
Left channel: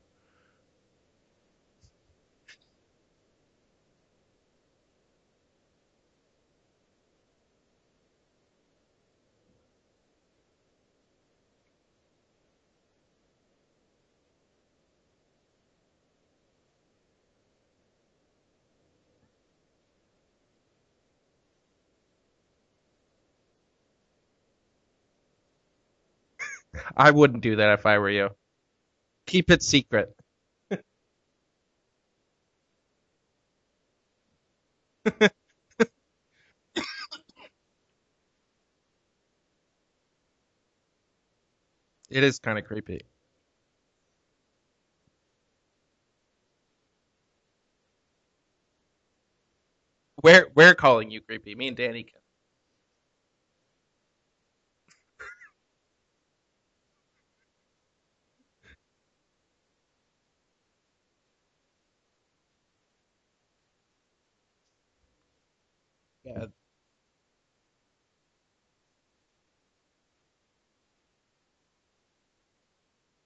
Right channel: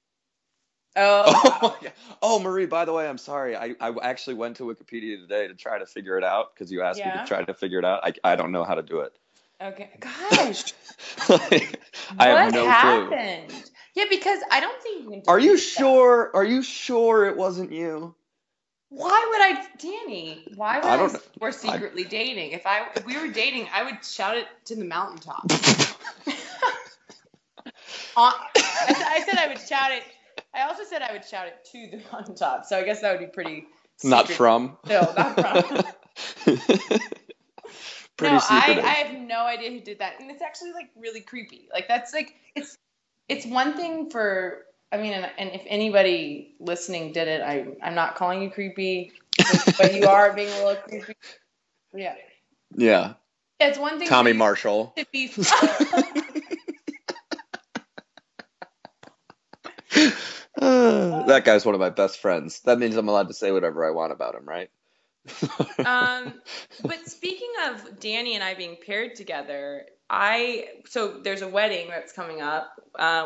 Oh. Yeah. Oh, Marie, by the way, I'm sorry. I actually went to Wikipedia today to try to figure it out because you asked me to try to figure it out. I don't know how to do it. Okay. Gosh. I have what no happened? clue. Yeah, because I don't think you can. Are you sure? Are you sure it wasn't you? Why would I, Danny? Why would I? We're secretly dating. If we were dating, I would shout it to the mountaintop. I wouldn't do that if I were you. I said Keep I would it secret. I also said I would shout it to the mountaintop. So I guess that would be pretty. Not from. No, not from. Pretty secretive. I have no idea who did that, and it's actually like really creepy. Like that's. It is kind of creepy. It's one thing for. I mean, and if anybody listening did it, I'm not calling you creepy, but you are. We're calling you creepy. Me and Danny. Yeah. Yeah. It's one thing. Tommy Marshall. To be. That guy's one of my best friends. That means I'm allowed to say whatever I want about him, right? But speaking of Danny and I being paired together, so there's a wedding that's coming up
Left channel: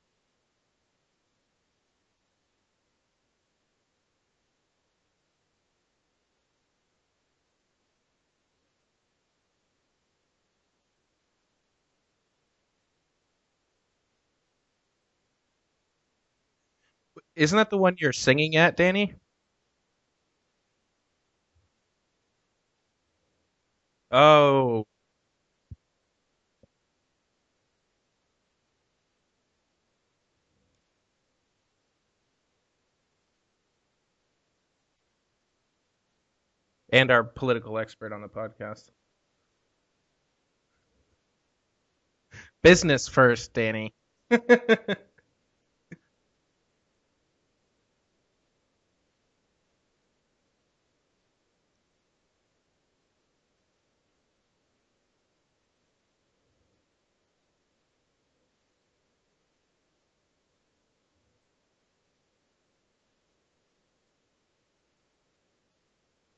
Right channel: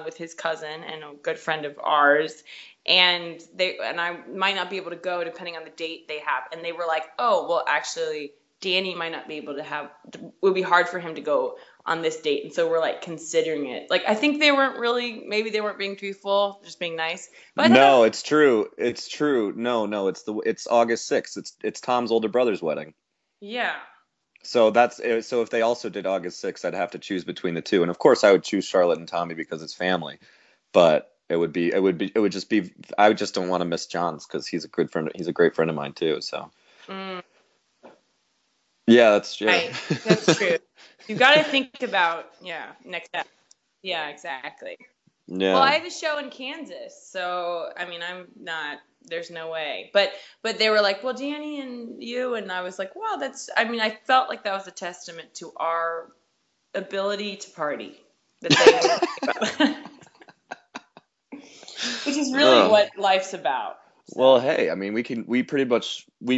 with his cousin and a good friend of ours, and I might not be able to go depending on the date they have, and they were like, oh well, actually Danny might not be able to have. It would be hard for him to go on this date, and so we're like considering it. Like I think maybe they weren't being truthful, just being nice. Isn't that no? You're singing true. At Danny? It's true. No. It's August 6th. It's Tom's older brother's wedding. Yeah. Oh. So if they also did August 6th, I'd have to choose between the two, and of course I would choose Charlotte and Tommy because it's family. But it would just be. I just don't want to miss John's because he's a good friend. He's a great friend of mine too. So. And our political expert on the podcast. Yeah, that's true. Right. That's true. You got to think about business first, Danny. Yeah, exactly. Yeah. Well, I have a show in Kansas, so I mean, I'm not. There's no way. But they were like, well, Danny and you, and I was like, wow, that's. I mean, I felt like that was a testament to our ability to party. That they which is really what life's about. So. Well, hey, I mean, we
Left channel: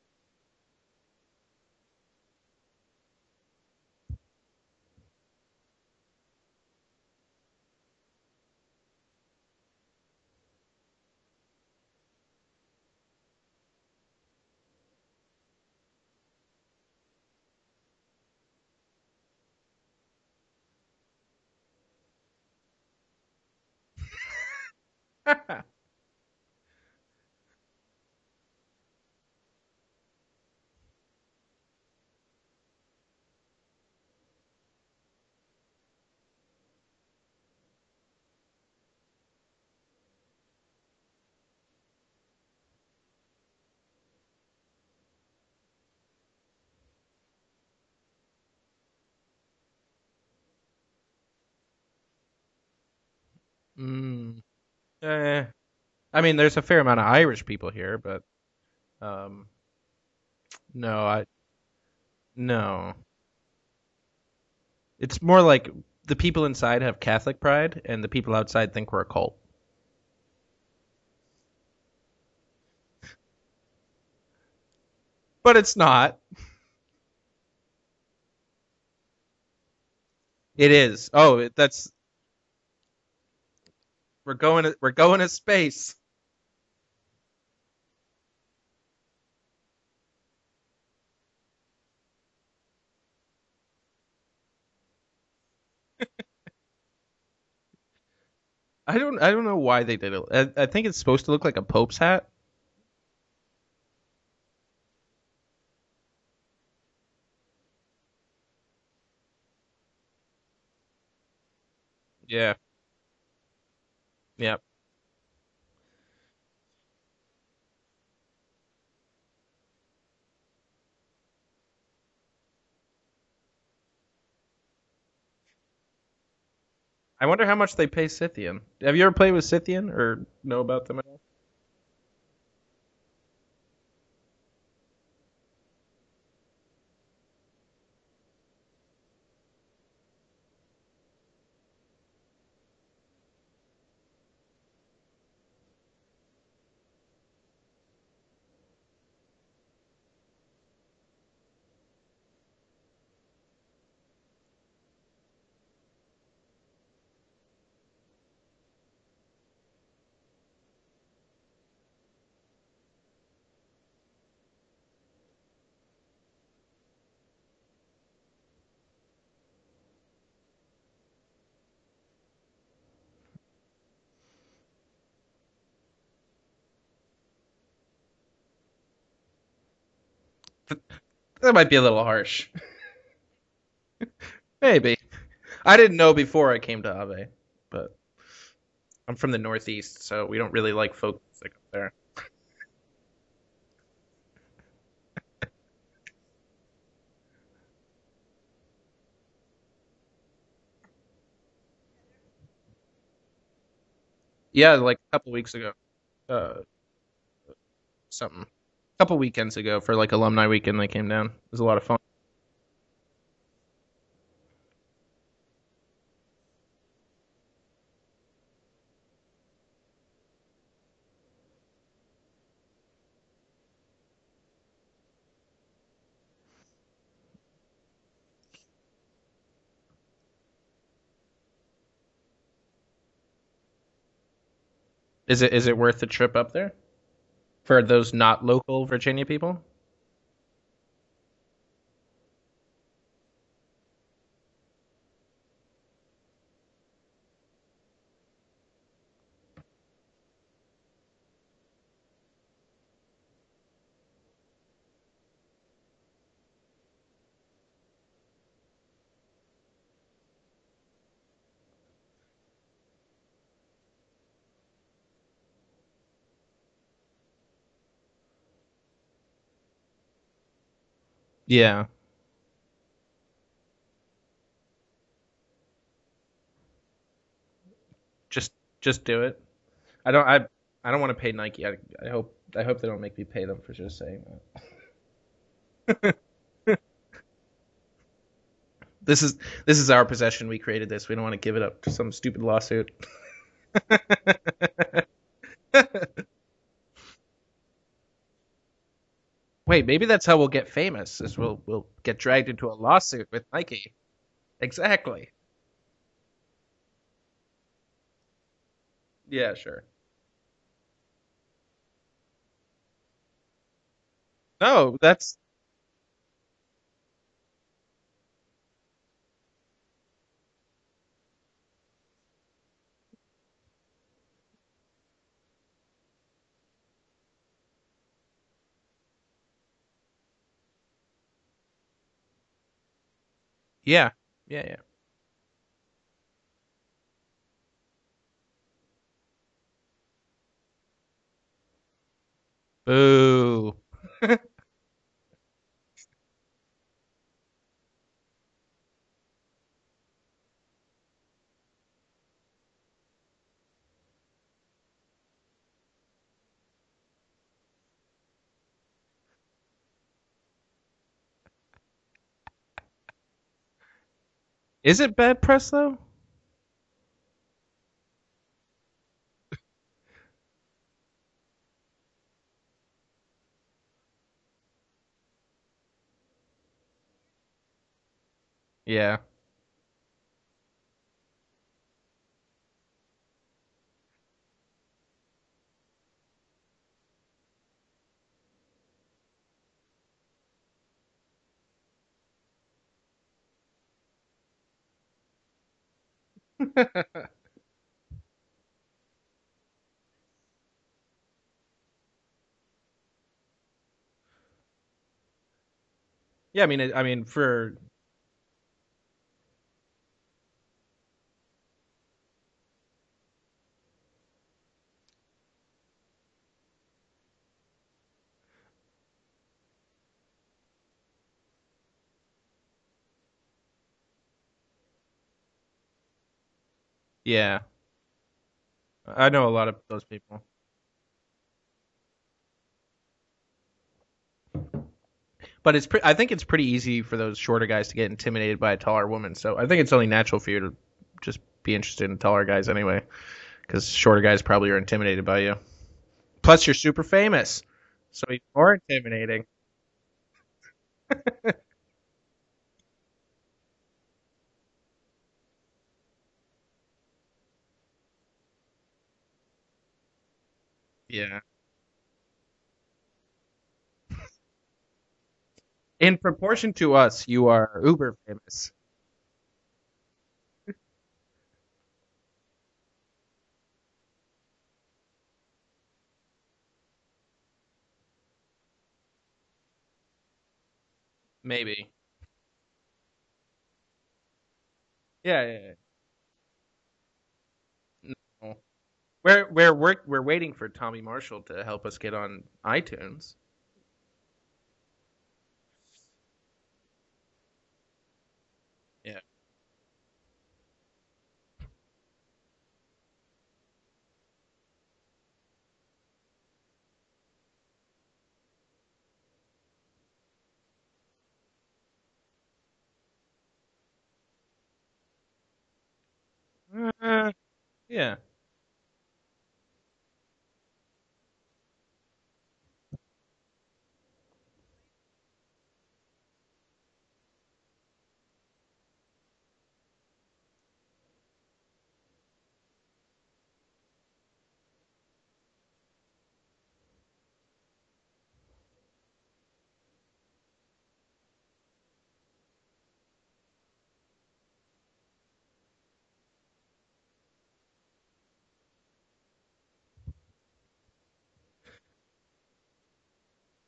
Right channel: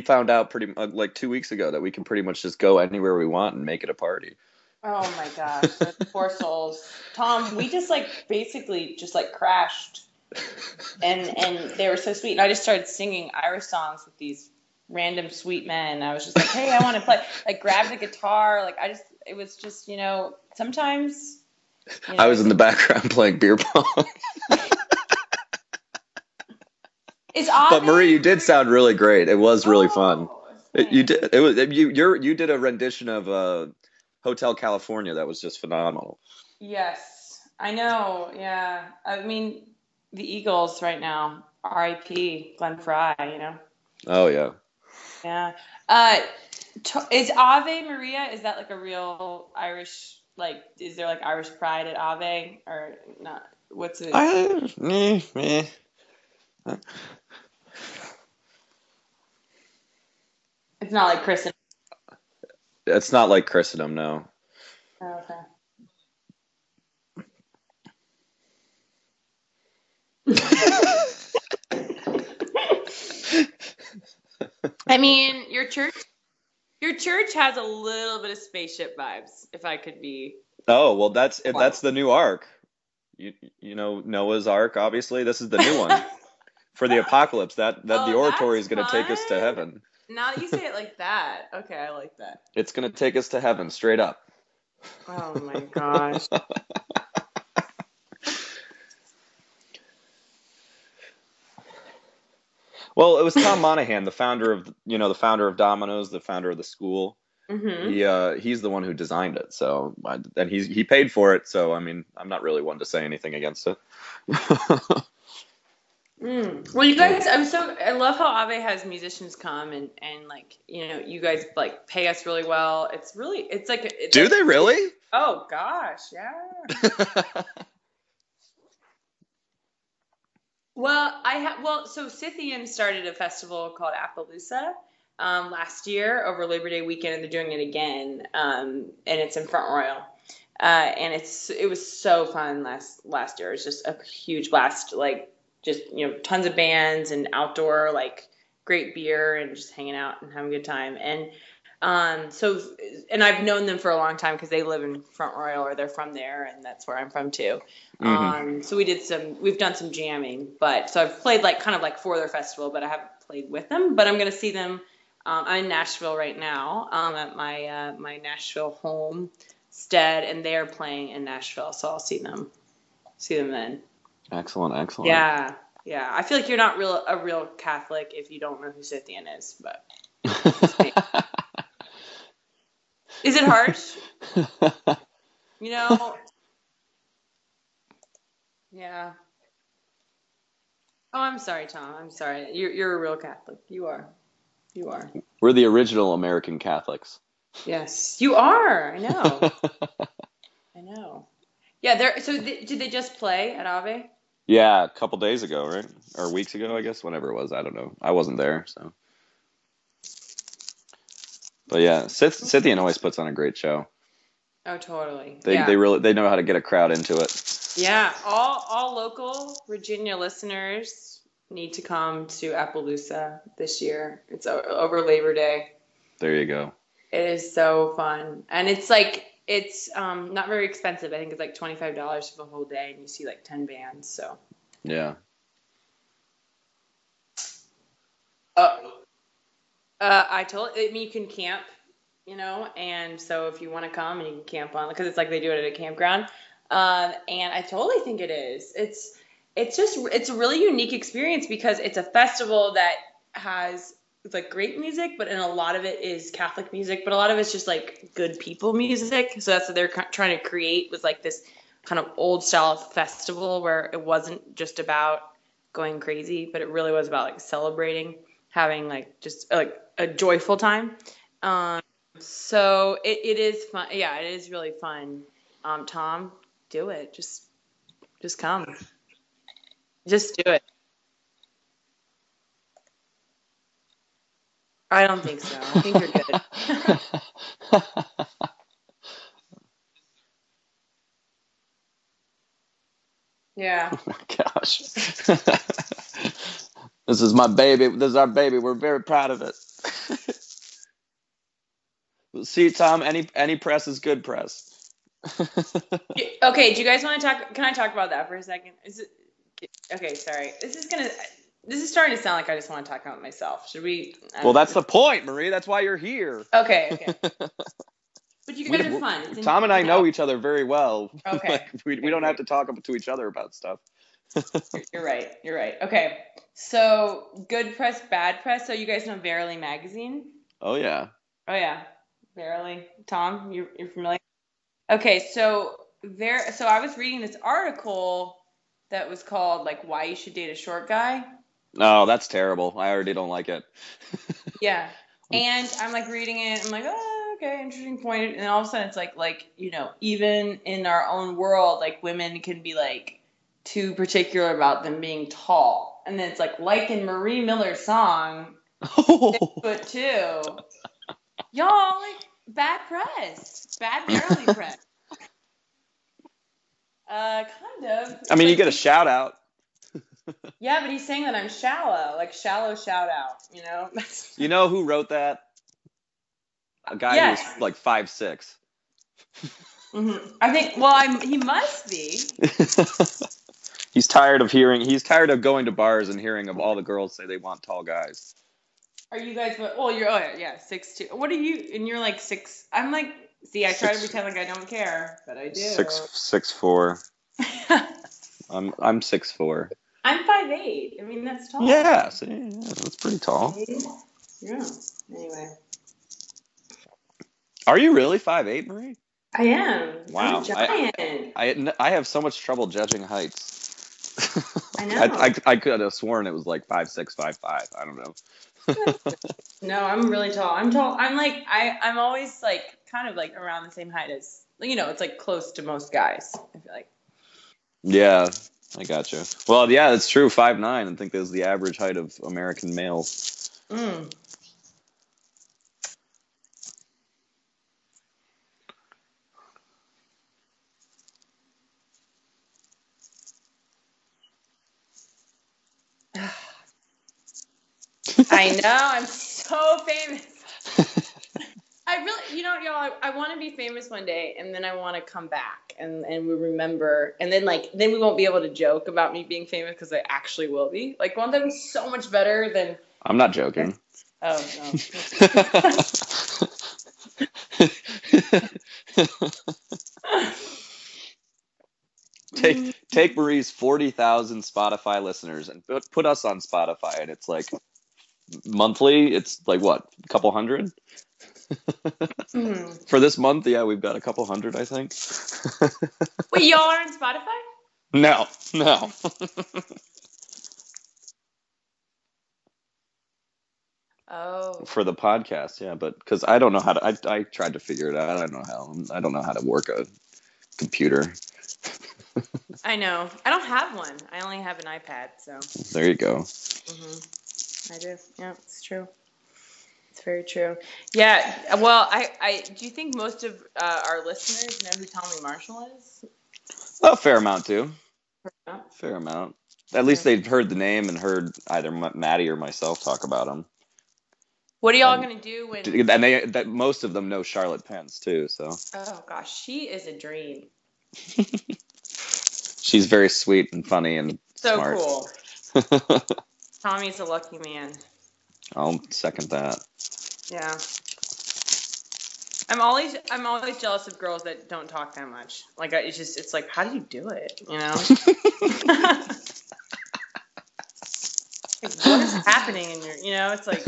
found out like 2 weeks ago that we can pretty much just go anywhere we want and make it a party. Oh my gosh, those poor souls. Tom, we just basically crashed, and they were so sweet. And I just started singing Irish songs with these random sweet men. I was just like, hey, I want to play. Like, grab the guitar. It was just, sometimes. I was in the background playing beer pong. But Marie, you did sound really great. It was really fun. You did. It was you did a rendition of Hotel California that was just phenomenal. Yes, I know. Yeah, I mean the Eagles right now. R.I.P. Glenn Frey. Oh yeah. Yeah. Is Ave Maria? Is that like a real Irish? Like, is there like Irish pride at Ave or not? What's it? I mean, there's a fair amount of Irish people here, but no. It's not like Christendom. No. It's not like Christendom, no. It's more like the people inside have Catholic pride, and the people outside think we're a cult. I mean, but it's not. Your church has a little bit of spaceship vibes, if I could be. It is. Well, that's the new ark. You know Noah's Ark. Obviously, this is the new one for the apocalypse. That the oratory is going to take us to heaven. Now that you say it like that, okay, I like that. It's going to take us to heaven, straight up. Oh my gosh. I don't know why they did it. I think it's supposed to look like a Pope's hat. Well, it was Tom Monahan, the founder of Domino's, the founder of the school. Mm-hmm. He's the one who designed it. So, and he paid for it. So, I mean, I'm not really one to say anything against it. Yeah. Well, you guys, I love how Ave has musicians come and like, you guys like pay us really well. Do they really? Oh gosh, yeah. I wonder how much they pay Scythian. Have you ever played with Scythian or know about that? So Scythian started a festival called Appaloosa last year over Labor Day weekend, and they're doing it again. And it's in Front Royal. And it was so fun last year. It was just a huge blast, like just, tons of bands and outdoor, like great beer and just hanging out and having a good time. And So, and I've known them for a long time because they live in Front Royal or they're from there, and that's where I'm from too. So we've done some jamming, so I've played like kind of like for their festival, but I haven't played with them. But I'm gonna see them. I'm in Nashville right now, at my Nashville homestead, and they're playing in Nashville, so I'll see them then. Excellent. Yeah. I feel like you're not a real Catholic if you don't know who Scythian is, but that might be a little harsh. Is it harsh? Maybe. I didn't know before I came to Ave, but yeah, I'm from the Northeast, so we don't really like folk. Oh, I'm sorry, Tom. I'm sorry. You're a real Catholic. You are. We're the original American Catholics. Yes, you are. I know. Yeah, so did they just play at Ave? Yeah, like a couple days ago, right? Or weeks ago, I guess, whenever it was. I don't know. I wasn't there, so. A couple weekends ago for like alumni weekend, they came down. It was a lot of fun. Scythian always puts on a great show. Oh, totally. They know how to get a crowd into it. Yeah, all local Virginia listeners need to come to Appaloosa this year. It's over Labor Day. There you go. It is so fun, and it's not very expensive. I think it's like $25 for the whole day, and you see like 10 bands. So yeah, is it worth the trip up there for those not local Virginia people? I mean, you can camp, and so if you want to come and you can camp on, because it's like they do it at a campground, and I totally think it is. It's a really unique experience because it's a festival that has like great music, but a lot of it is Catholic music, but a lot of it's just like good people music. So that's what they're trying to create, was like this kind of old style festival where it wasn't just about going crazy, but it really was about like celebrating, having like just like a joyful time. Yeah. So it is fun. Yeah, it is really fun. Tom, do it. Just come. Just do it. Do it. I don't want to pay Nike. I hope they don't make me pay them for just saying that. I don't think so. I think you're good. This is our possession. We created this. We don't want to give it up to some stupid lawsuit. Yeah. Gosh. This is my baby. This is our baby. We're very proud of it. Wait, maybe that's how we'll get famous. Is we'll get dragged into a Tom, lawsuit. Any press is good press. Exactly. Okay. Do you guys want to talk? Can I talk about that for a second? Yeah, sure. Okay. Sorry. This is starting to sound like I just want to talk about myself. Should we? Well, that's the point, Marie. That's why you're here. Okay. But you guys are fun. Tom and I know each other very well. Okay. Like, we don't have to talk to each other about stuff. You're right. Okay. So, good press, bad press. So, you guys know Verily magazine? Oh yeah. Verily. Tom, you're yeah. Yeah. Okay, so I was reading this article that was called like Why You Should Date a Short Guy. No, that's terrible. I already don't like it. Yeah. And I'm like reading it. I'm like, oh, okay, interesting point. And all of a sudden it's like, even in our own world, like women can be like too particular about them being tall. And then it's like in Marie Miller's song, 6'2". Y'all, like, bad press. Bad Verily press. Is it bad press though? Kind of. I mean, you get a shout out. Yeah, but he's saying that I'm shallow. Like, shallow shout out, You know who wrote that? A guy who's like 5'6". Yeah. Mm-hmm. I think, he must be. He's tired of going to bars and hearing of all the girls say they want tall guys. Are you guys, 6'2". What are you, and you're like 6, I'm like, see, I try to pretend like I don't care, but I do. 6'4". I'm 6'4". I'm 5'8". I mean, that's tall. Yeah, that's pretty tall. Yeah. Anyway. Yeah, I mean, for. Are you really 5'8", Marie? I am. Wow. I'm a giant. I have so much trouble judging heights. I know. I could have sworn it was like 5'6", 5'5". I don't know. No, I'm really tall. I'm tall. I'm like I'm always like kind of like around the same height as it's like close to most guys. I feel like. Yeah. Yeah, I got you. I know. Well, yeah, it's true. 5'9". I think that's the average height of American males. But I think it's pretty easy for those shorter guys to get intimidated by a taller woman. So I think it's only natural for you to just be interested in taller guys anyway, because shorter guys probably are intimidated by you. Plus, you're super famous. I know. I'm so famous. I really, y'all, I want to be famous one day, and then I want to come back, and we remember, and then we won't be able to joke about me being famous because I actually will be. Like, won't that be so much better than? I'm not joking. Oh no. In proportion to us, you are uber famous. Take Marie's 40,000 Spotify listeners and put us on Spotify, and it's like monthly. It's like what, a couple hundred? Maybe. For this month, yeah, we've got a couple hundred, I think. Yeah. Wait, y'all are on Spotify? No. We're waiting for Tommy Marshall to help us get on iTunes. Oh. For the podcast, yeah, but because I don't know how to. I tried to figure it out. I don't know how to work a computer. I know. I don't have one. I only have an iPad, so. There you go. I do. Yeah, it's true. It's very true. Yeah. Well, I do you think most of our listeners know who Tommy Marshall is? A fair amount do. Yeah. Fair amount. At least they've heard the name and heard either Maddie or myself talk about him. What are y'all gonna do when? And most of them know Charlotte Pence too. So. Oh gosh, she is a dream. She's very sweet and funny and so smart. Cool. Tommy's a lucky man. I'll second that. Yeah. I'm always jealous of girls that don't talk that much. Like it's like, how do you do it? You know? Like, what is happening in your? It's like.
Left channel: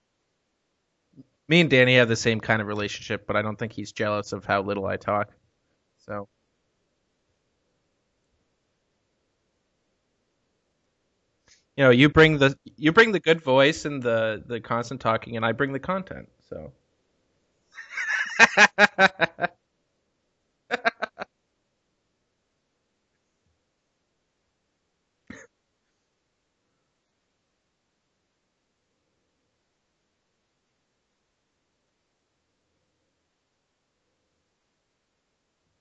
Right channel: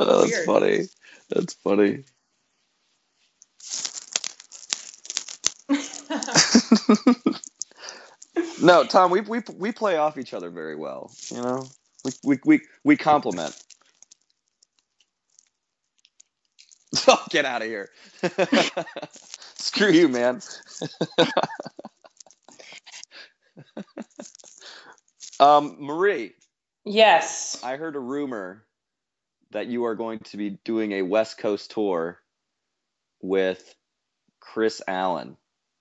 Oh, that's funny. Me and Danny have the same kind of relationship, but I don't think he's jealous of how little I talk. So. No, Tom, we play off each other very well. You bring the good voice and the constant talking, and I bring the content. So. Oh, get out of here! Screw you, man. Marie. Yes. I heard a rumor that you are going to be doing a West Coast tour with Chris Allen.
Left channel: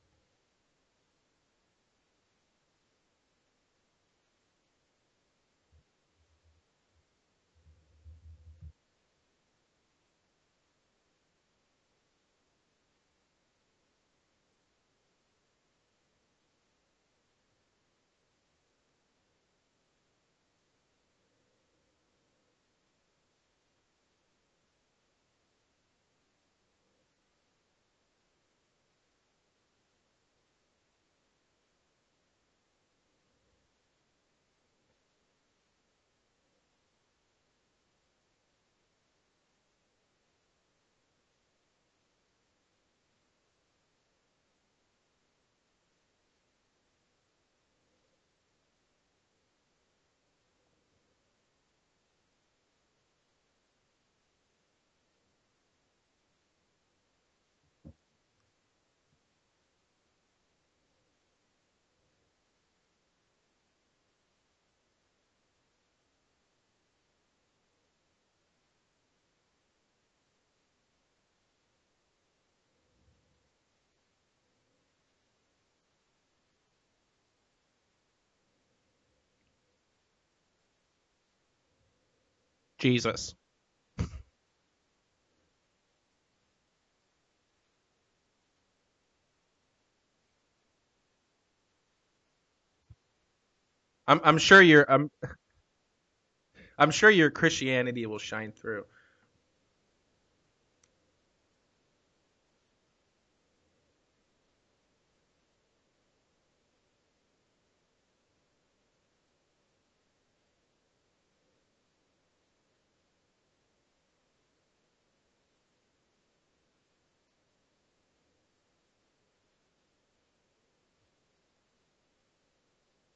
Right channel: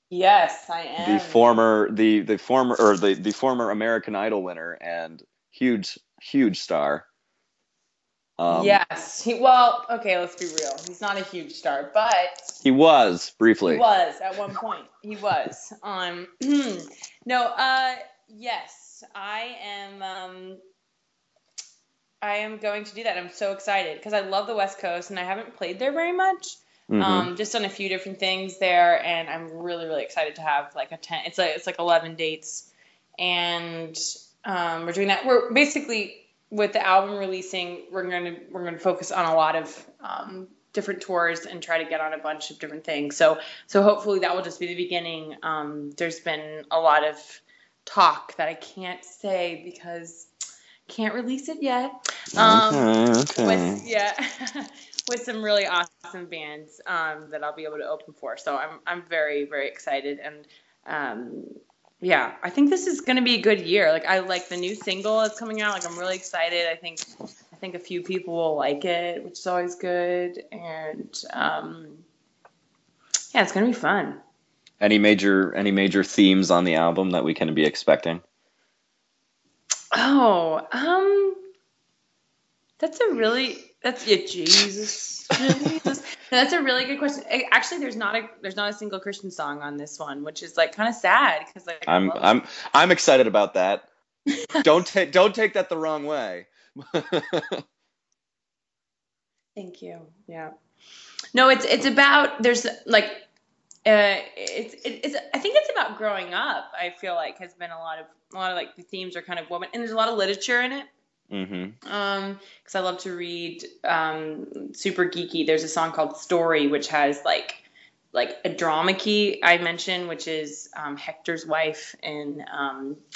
Yes, I am. The former American Idol winner and huge star. Yes. Okay, let's be real. He's not a huge star, but he was briefly. He was at one point. He was. No. Yes, I am going to do that. I'm so excited because I love the West Coast and I haven't played there very much. Just done a few different things there, and I'm really, really excited to have like a 10. It's like 11 dates, and we're doing that. We're basically with the album releasing, we're gonna focus on a lot of different tours and try to get on a bunch of different things. So hopefully that will just be the beginning. There's been a lot of talk that I can't say because can't release it yet. Okay. With some really awesome bands that I'll be able to open for. So I'm very, very excited, and I think this is gonna be a good year. Like I like the new single that's coming out. Like I'm really excited. I think a few people will like it, which is always good, and it's gonna be fun. Any major themes on the album that we can be expecting? Oh, Jesus. Jesus. That's a really good question. Actually, there's not a single Christian song on this one, which is like kind of sad because like I'm excited about that. I'm sure don't take that the wrong way. I'm sure your Christianity will shine through. Thank you. Yeah. No, it's about there's like it's I think it's about growing up. I feel like has been a lot of like the themes are kind of woman, and there's a lot of literature in it. Because I love to read super geeky. There's a song called Story, which has like a drama key I mentioned, which is Hector's wife in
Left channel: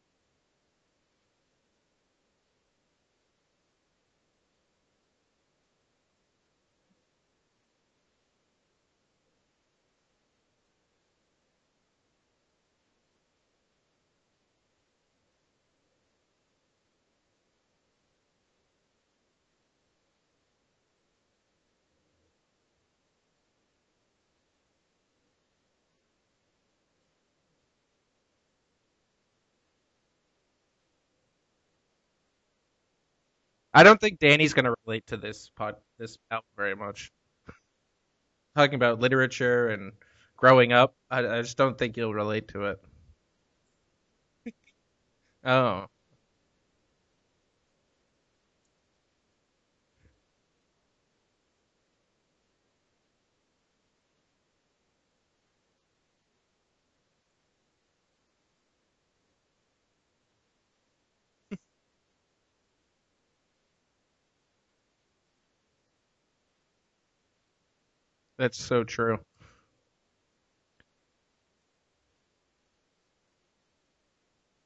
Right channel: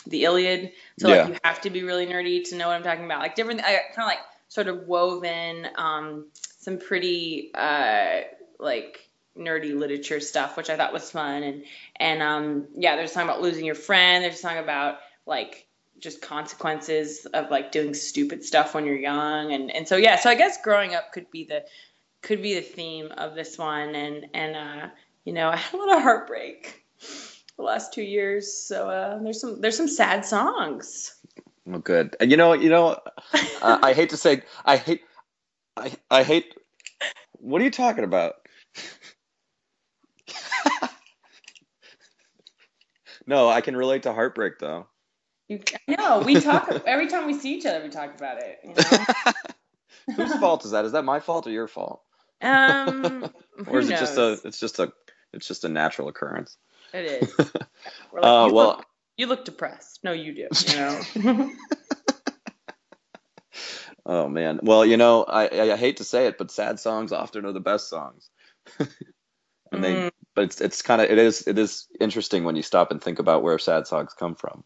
the Iliad. So like you have to be really nerdy to know what I'm talking about. Like different, I kind of like sort of woven some pretty like nerdy literature stuff, which I thought was fun. And there's a song about losing your friend. There's a song about like just consequences of like doing stupid stuff when you're young, and so I guess growing up could be the theme of this one, and I had a lot of heartbreak the last 2 years, so there's some sad songs. Well, good. And I don't think Danny's going to relate to this podcast. I hate very much. What are you talking about? Talking about literature and growing up. I just don't think you'll relate to it. No, I can relate to heartbreak though. Oh. No, we talk every time we see each other. We talk about it. You know? Whose fault is that? Is that my fault or your fault? Or is it just a natural occurrence? It is. Like, you look depressed. No, you do. You know. Oh man. Well, I hate to say it, but sad songs often are the best songs. That's so true. And but it is interesting when you stop and think about where sad songs come from.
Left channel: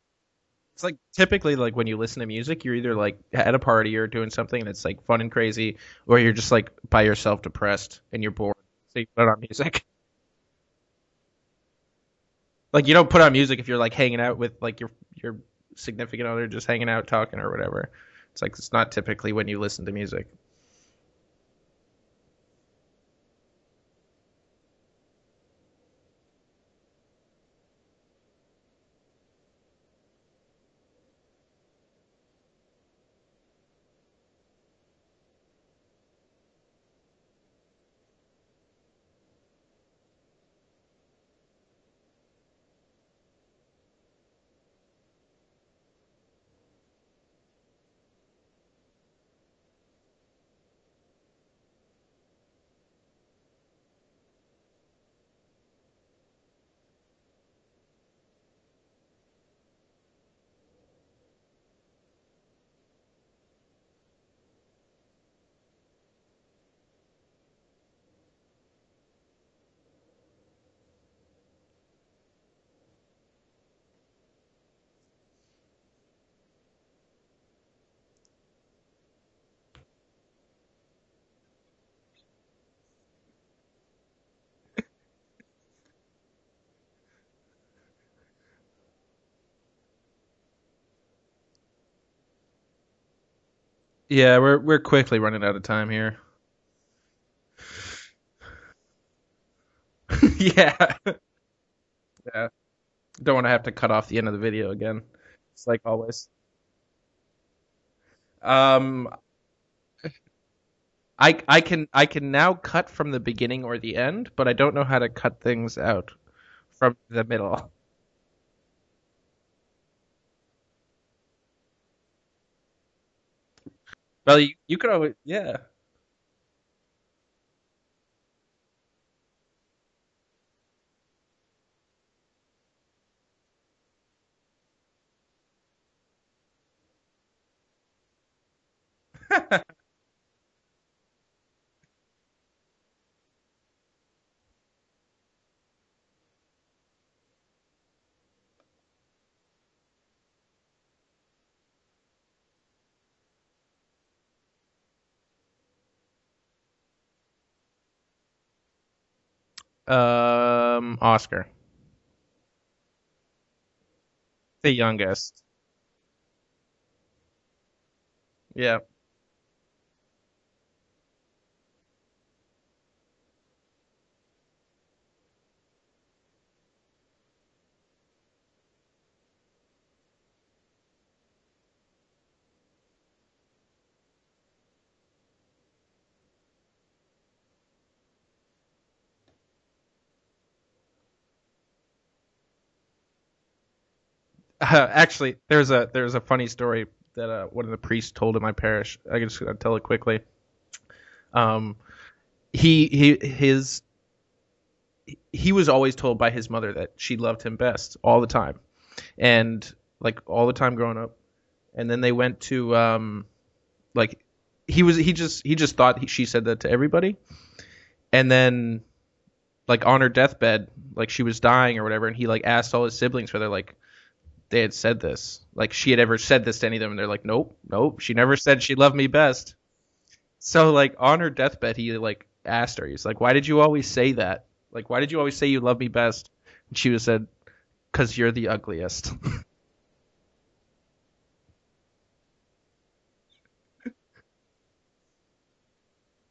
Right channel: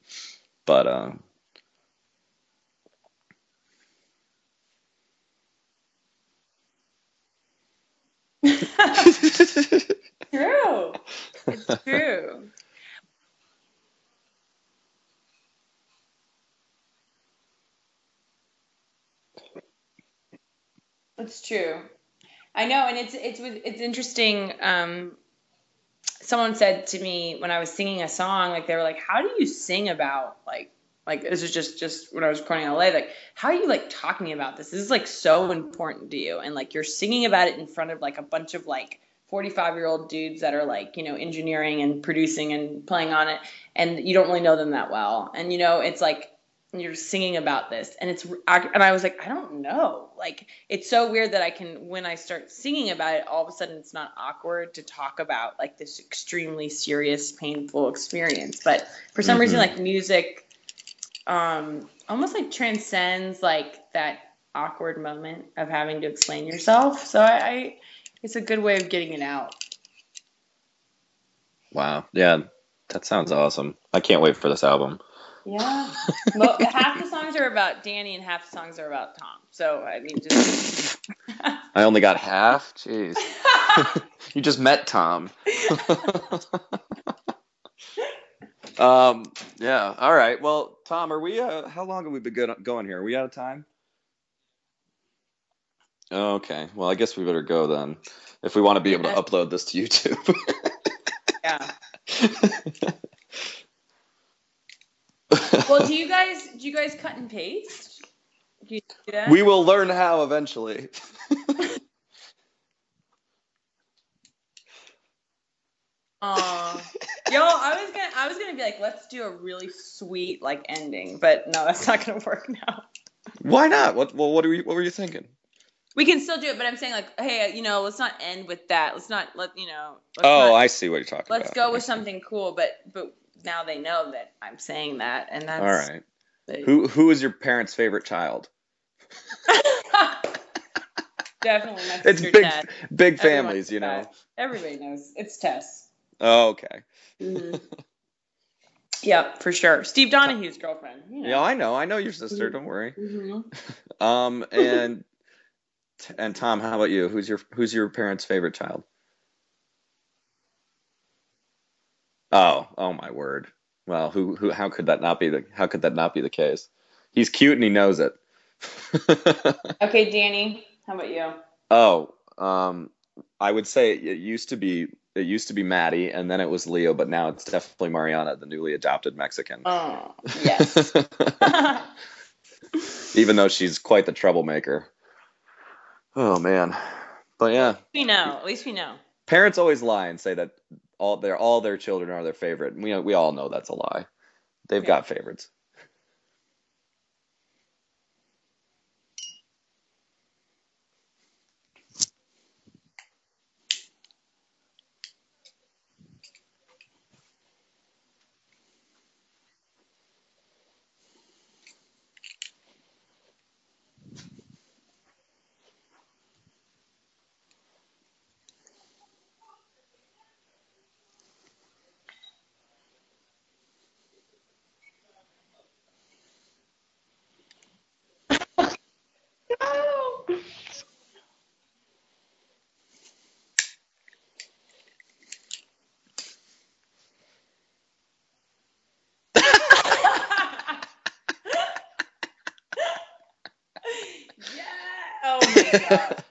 But like, typically, like when you listen to music, you're either like at a party or doing something that's like fun and crazy, or you're just like by yourself, depressed, and you're bored. True. It's true. Like you don't put on music if you're like hanging out with like your significant other, just hanging out, talking or whatever. It's like it's not typically when you listen to music. It's true. I know, and it's interesting. Someone said to me when I was singing a song, like they were like, "How do you sing about like this is just when I was recording in LA, like how are you like talking about this? This is like so important to you, and like you're singing about it in front of like a bunch of like 45-year-old dudes that are like engineering and producing and playing on it, and you don't really know them that well, and it's like." You're singing about this and I was like, I don't know, like it's so weird that when I start singing about it, all of a sudden it's not awkward to talk about like this extremely serious, painful experience, but for some reason like music almost like transcends like that awkward moment of having to explain yourself, so I it's a good way of getting it out. Wow, yeah, that sounds awesome. I can't wait for this album. Yeah. Well, half the songs are about Danny and half the songs are about Tom. So, I mean, just... I only got half? Jeez. You just met Tom. Yeah. All right. Well, Tom, are we, how long have we been going here? Are we out of time? Yeah, we're quickly running out of time here. Okay. Well, I guess we better go then. If we want to be able to upload this to YouTube. Yeah. Don't want to have to cut off the end of the video again. Well, do you guys cut and paste? We will learn how eventually. I can now cut from the beginning or the end, but I don't know how to cut things out from the middle. I was gonna be like, let's do a really sweet like ending, but no, that's not gonna work now. Why not? What were you thinking? Yeah. We can still do it, but I'm saying like, hey, let's not end with that. Let's not I see what you're talking about. Let's go with something cool, but now they know that I'm saying that, and that's all right. Who is your parents' favorite child? Definitely my sister. It's big families, Everybody knows it's Tess. Oh, okay. Mm-hmm. Yeah, for sure. Steve Donahue's girlfriend. Yeah, I know your sister. Don't worry. Mm-hmm. And Tom, how about you? Who's your parents' favorite child? Oscar. Oh my word. Well, how could that not be the case? He's cute and he knows it. Yeah. Okay, Danny, how about you? Oh, I would say it used to be Maddie, and then it was Leo, but now it's definitely Mariana, the newly adopted Mexican. Oh, yes. Even though she's quite the troublemaker. Oh man. But yeah. At least we know. Parents always lie and say that all their children are their favorite. We all know that's a lie. Actually, there's a funny story that one of the priests told in my parish. I can just tell it quickly. He was always told by his mother that she loved him best all the time, and like all the time growing up. And then they went to he just thought she said that to everybody, and then like on her deathbed, like she was dying or whatever, and he like asked all his siblings whether like they had said this, like she had ever said this to any of them, and they're like, nope, she never said she loved me best. So like on her deathbed, he like asked her, he's like, why did you always say that? Like, why did you always say you love me best? And she said, 'cause you're the ugliest. Yeah. Oh my God.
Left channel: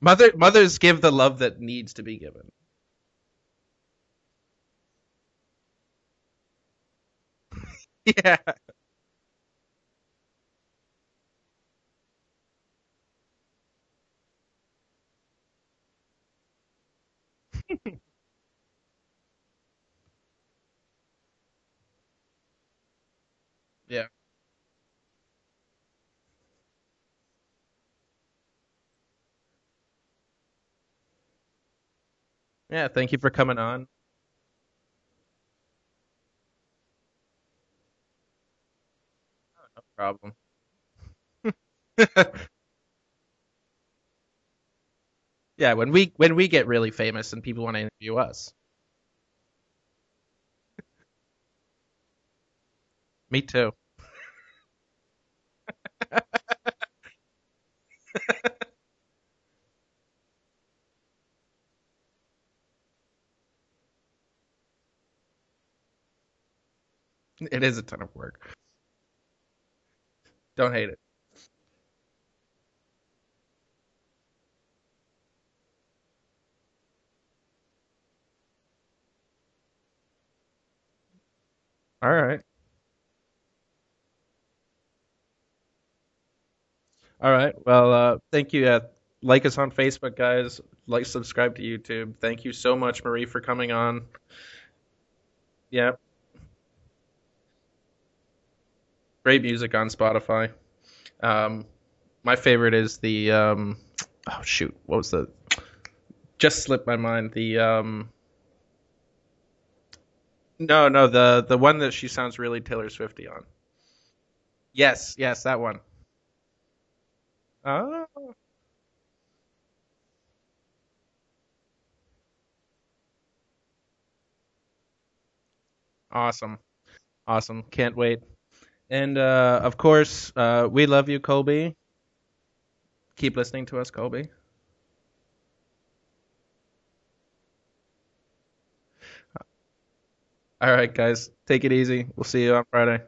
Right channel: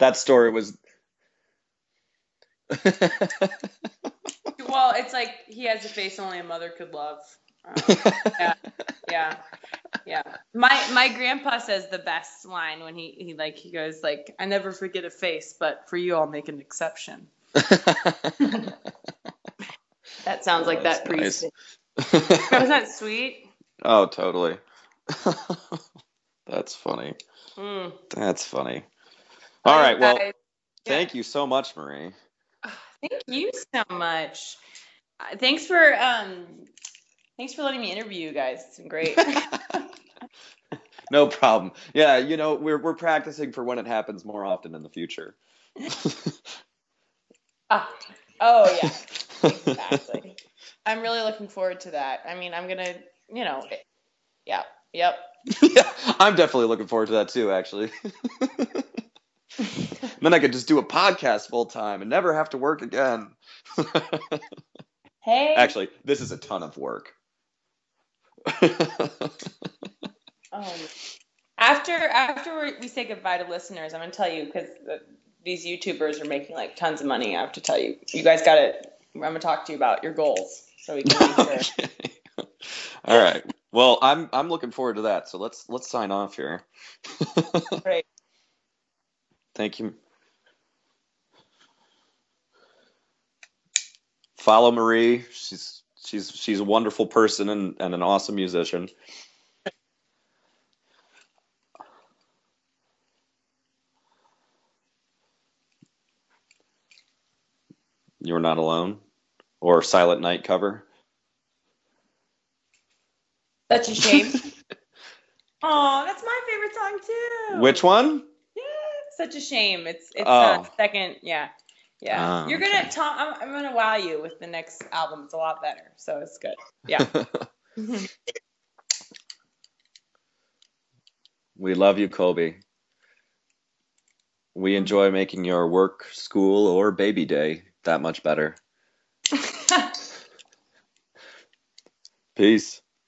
Mothers give the love that needs to be given. Well, it's like he has a face only a mother could love. Yeah. My grandpa says the best line when he goes like, I never forget a face, but for you I'll make an exception. That sounds like that priest. Nice. Wasn't that sweet? Oh, yeah. Totally. That's funny. That's funny. All right, well, thank you so much, Marie. Yeah, thank you for coming on. Thank you so much. Thanks for letting me interview you guys. It's been great. Problem. No problem. Yeah, we're practicing for when it happens more often in the future. Yeah, when we get really famous and people want to interview us. Oh yeah, exactly. I'm really looking forward to that. I mean, I'm gonna. Me too. Yeah. Yep. Yeah, I'm definitely looking forward to that too, actually. Then I could just do a podcast full time and never have to work again. Hey. Actually, this is a ton of work. It is a ton of work. Don't hate it. After we say goodbye to listeners, I'm gonna tell you, because these YouTubers are making like tons of money. I have to tell you, you guys got it. I'm gonna talk to you about your goals so we can make sure. All right. Well, I'm looking forward to that. So let's sign off here. All right. Well, thank you. Like us on Facebook, guys. Like, subscribe to YouTube. Thank you so much, Marie, for coming on. Follow Marie. She's a wonderful person and an awesome musician. Great music on Spotify. My favorite is the what was the? Just slipped my mind. The You're Not Alone, or Silent Night cover. No, the one that she sounds really Taylor Swifty on. Such a Shame. Yes, that one. Oh, that's my favorite song too. Which one? Yeah, Such a Shame. It's second. Yeah. You're gonna I'm gonna wow you with the next album. It's a lot better. So awesome. Yeah. Awesome. Can't wait. And of course, we love you, Colby. We love you, Colby. Keep listening to us, Colby. We enjoy making your work, school, or baby day that much better. All right, guys. Take it easy. We'll see you on Friday.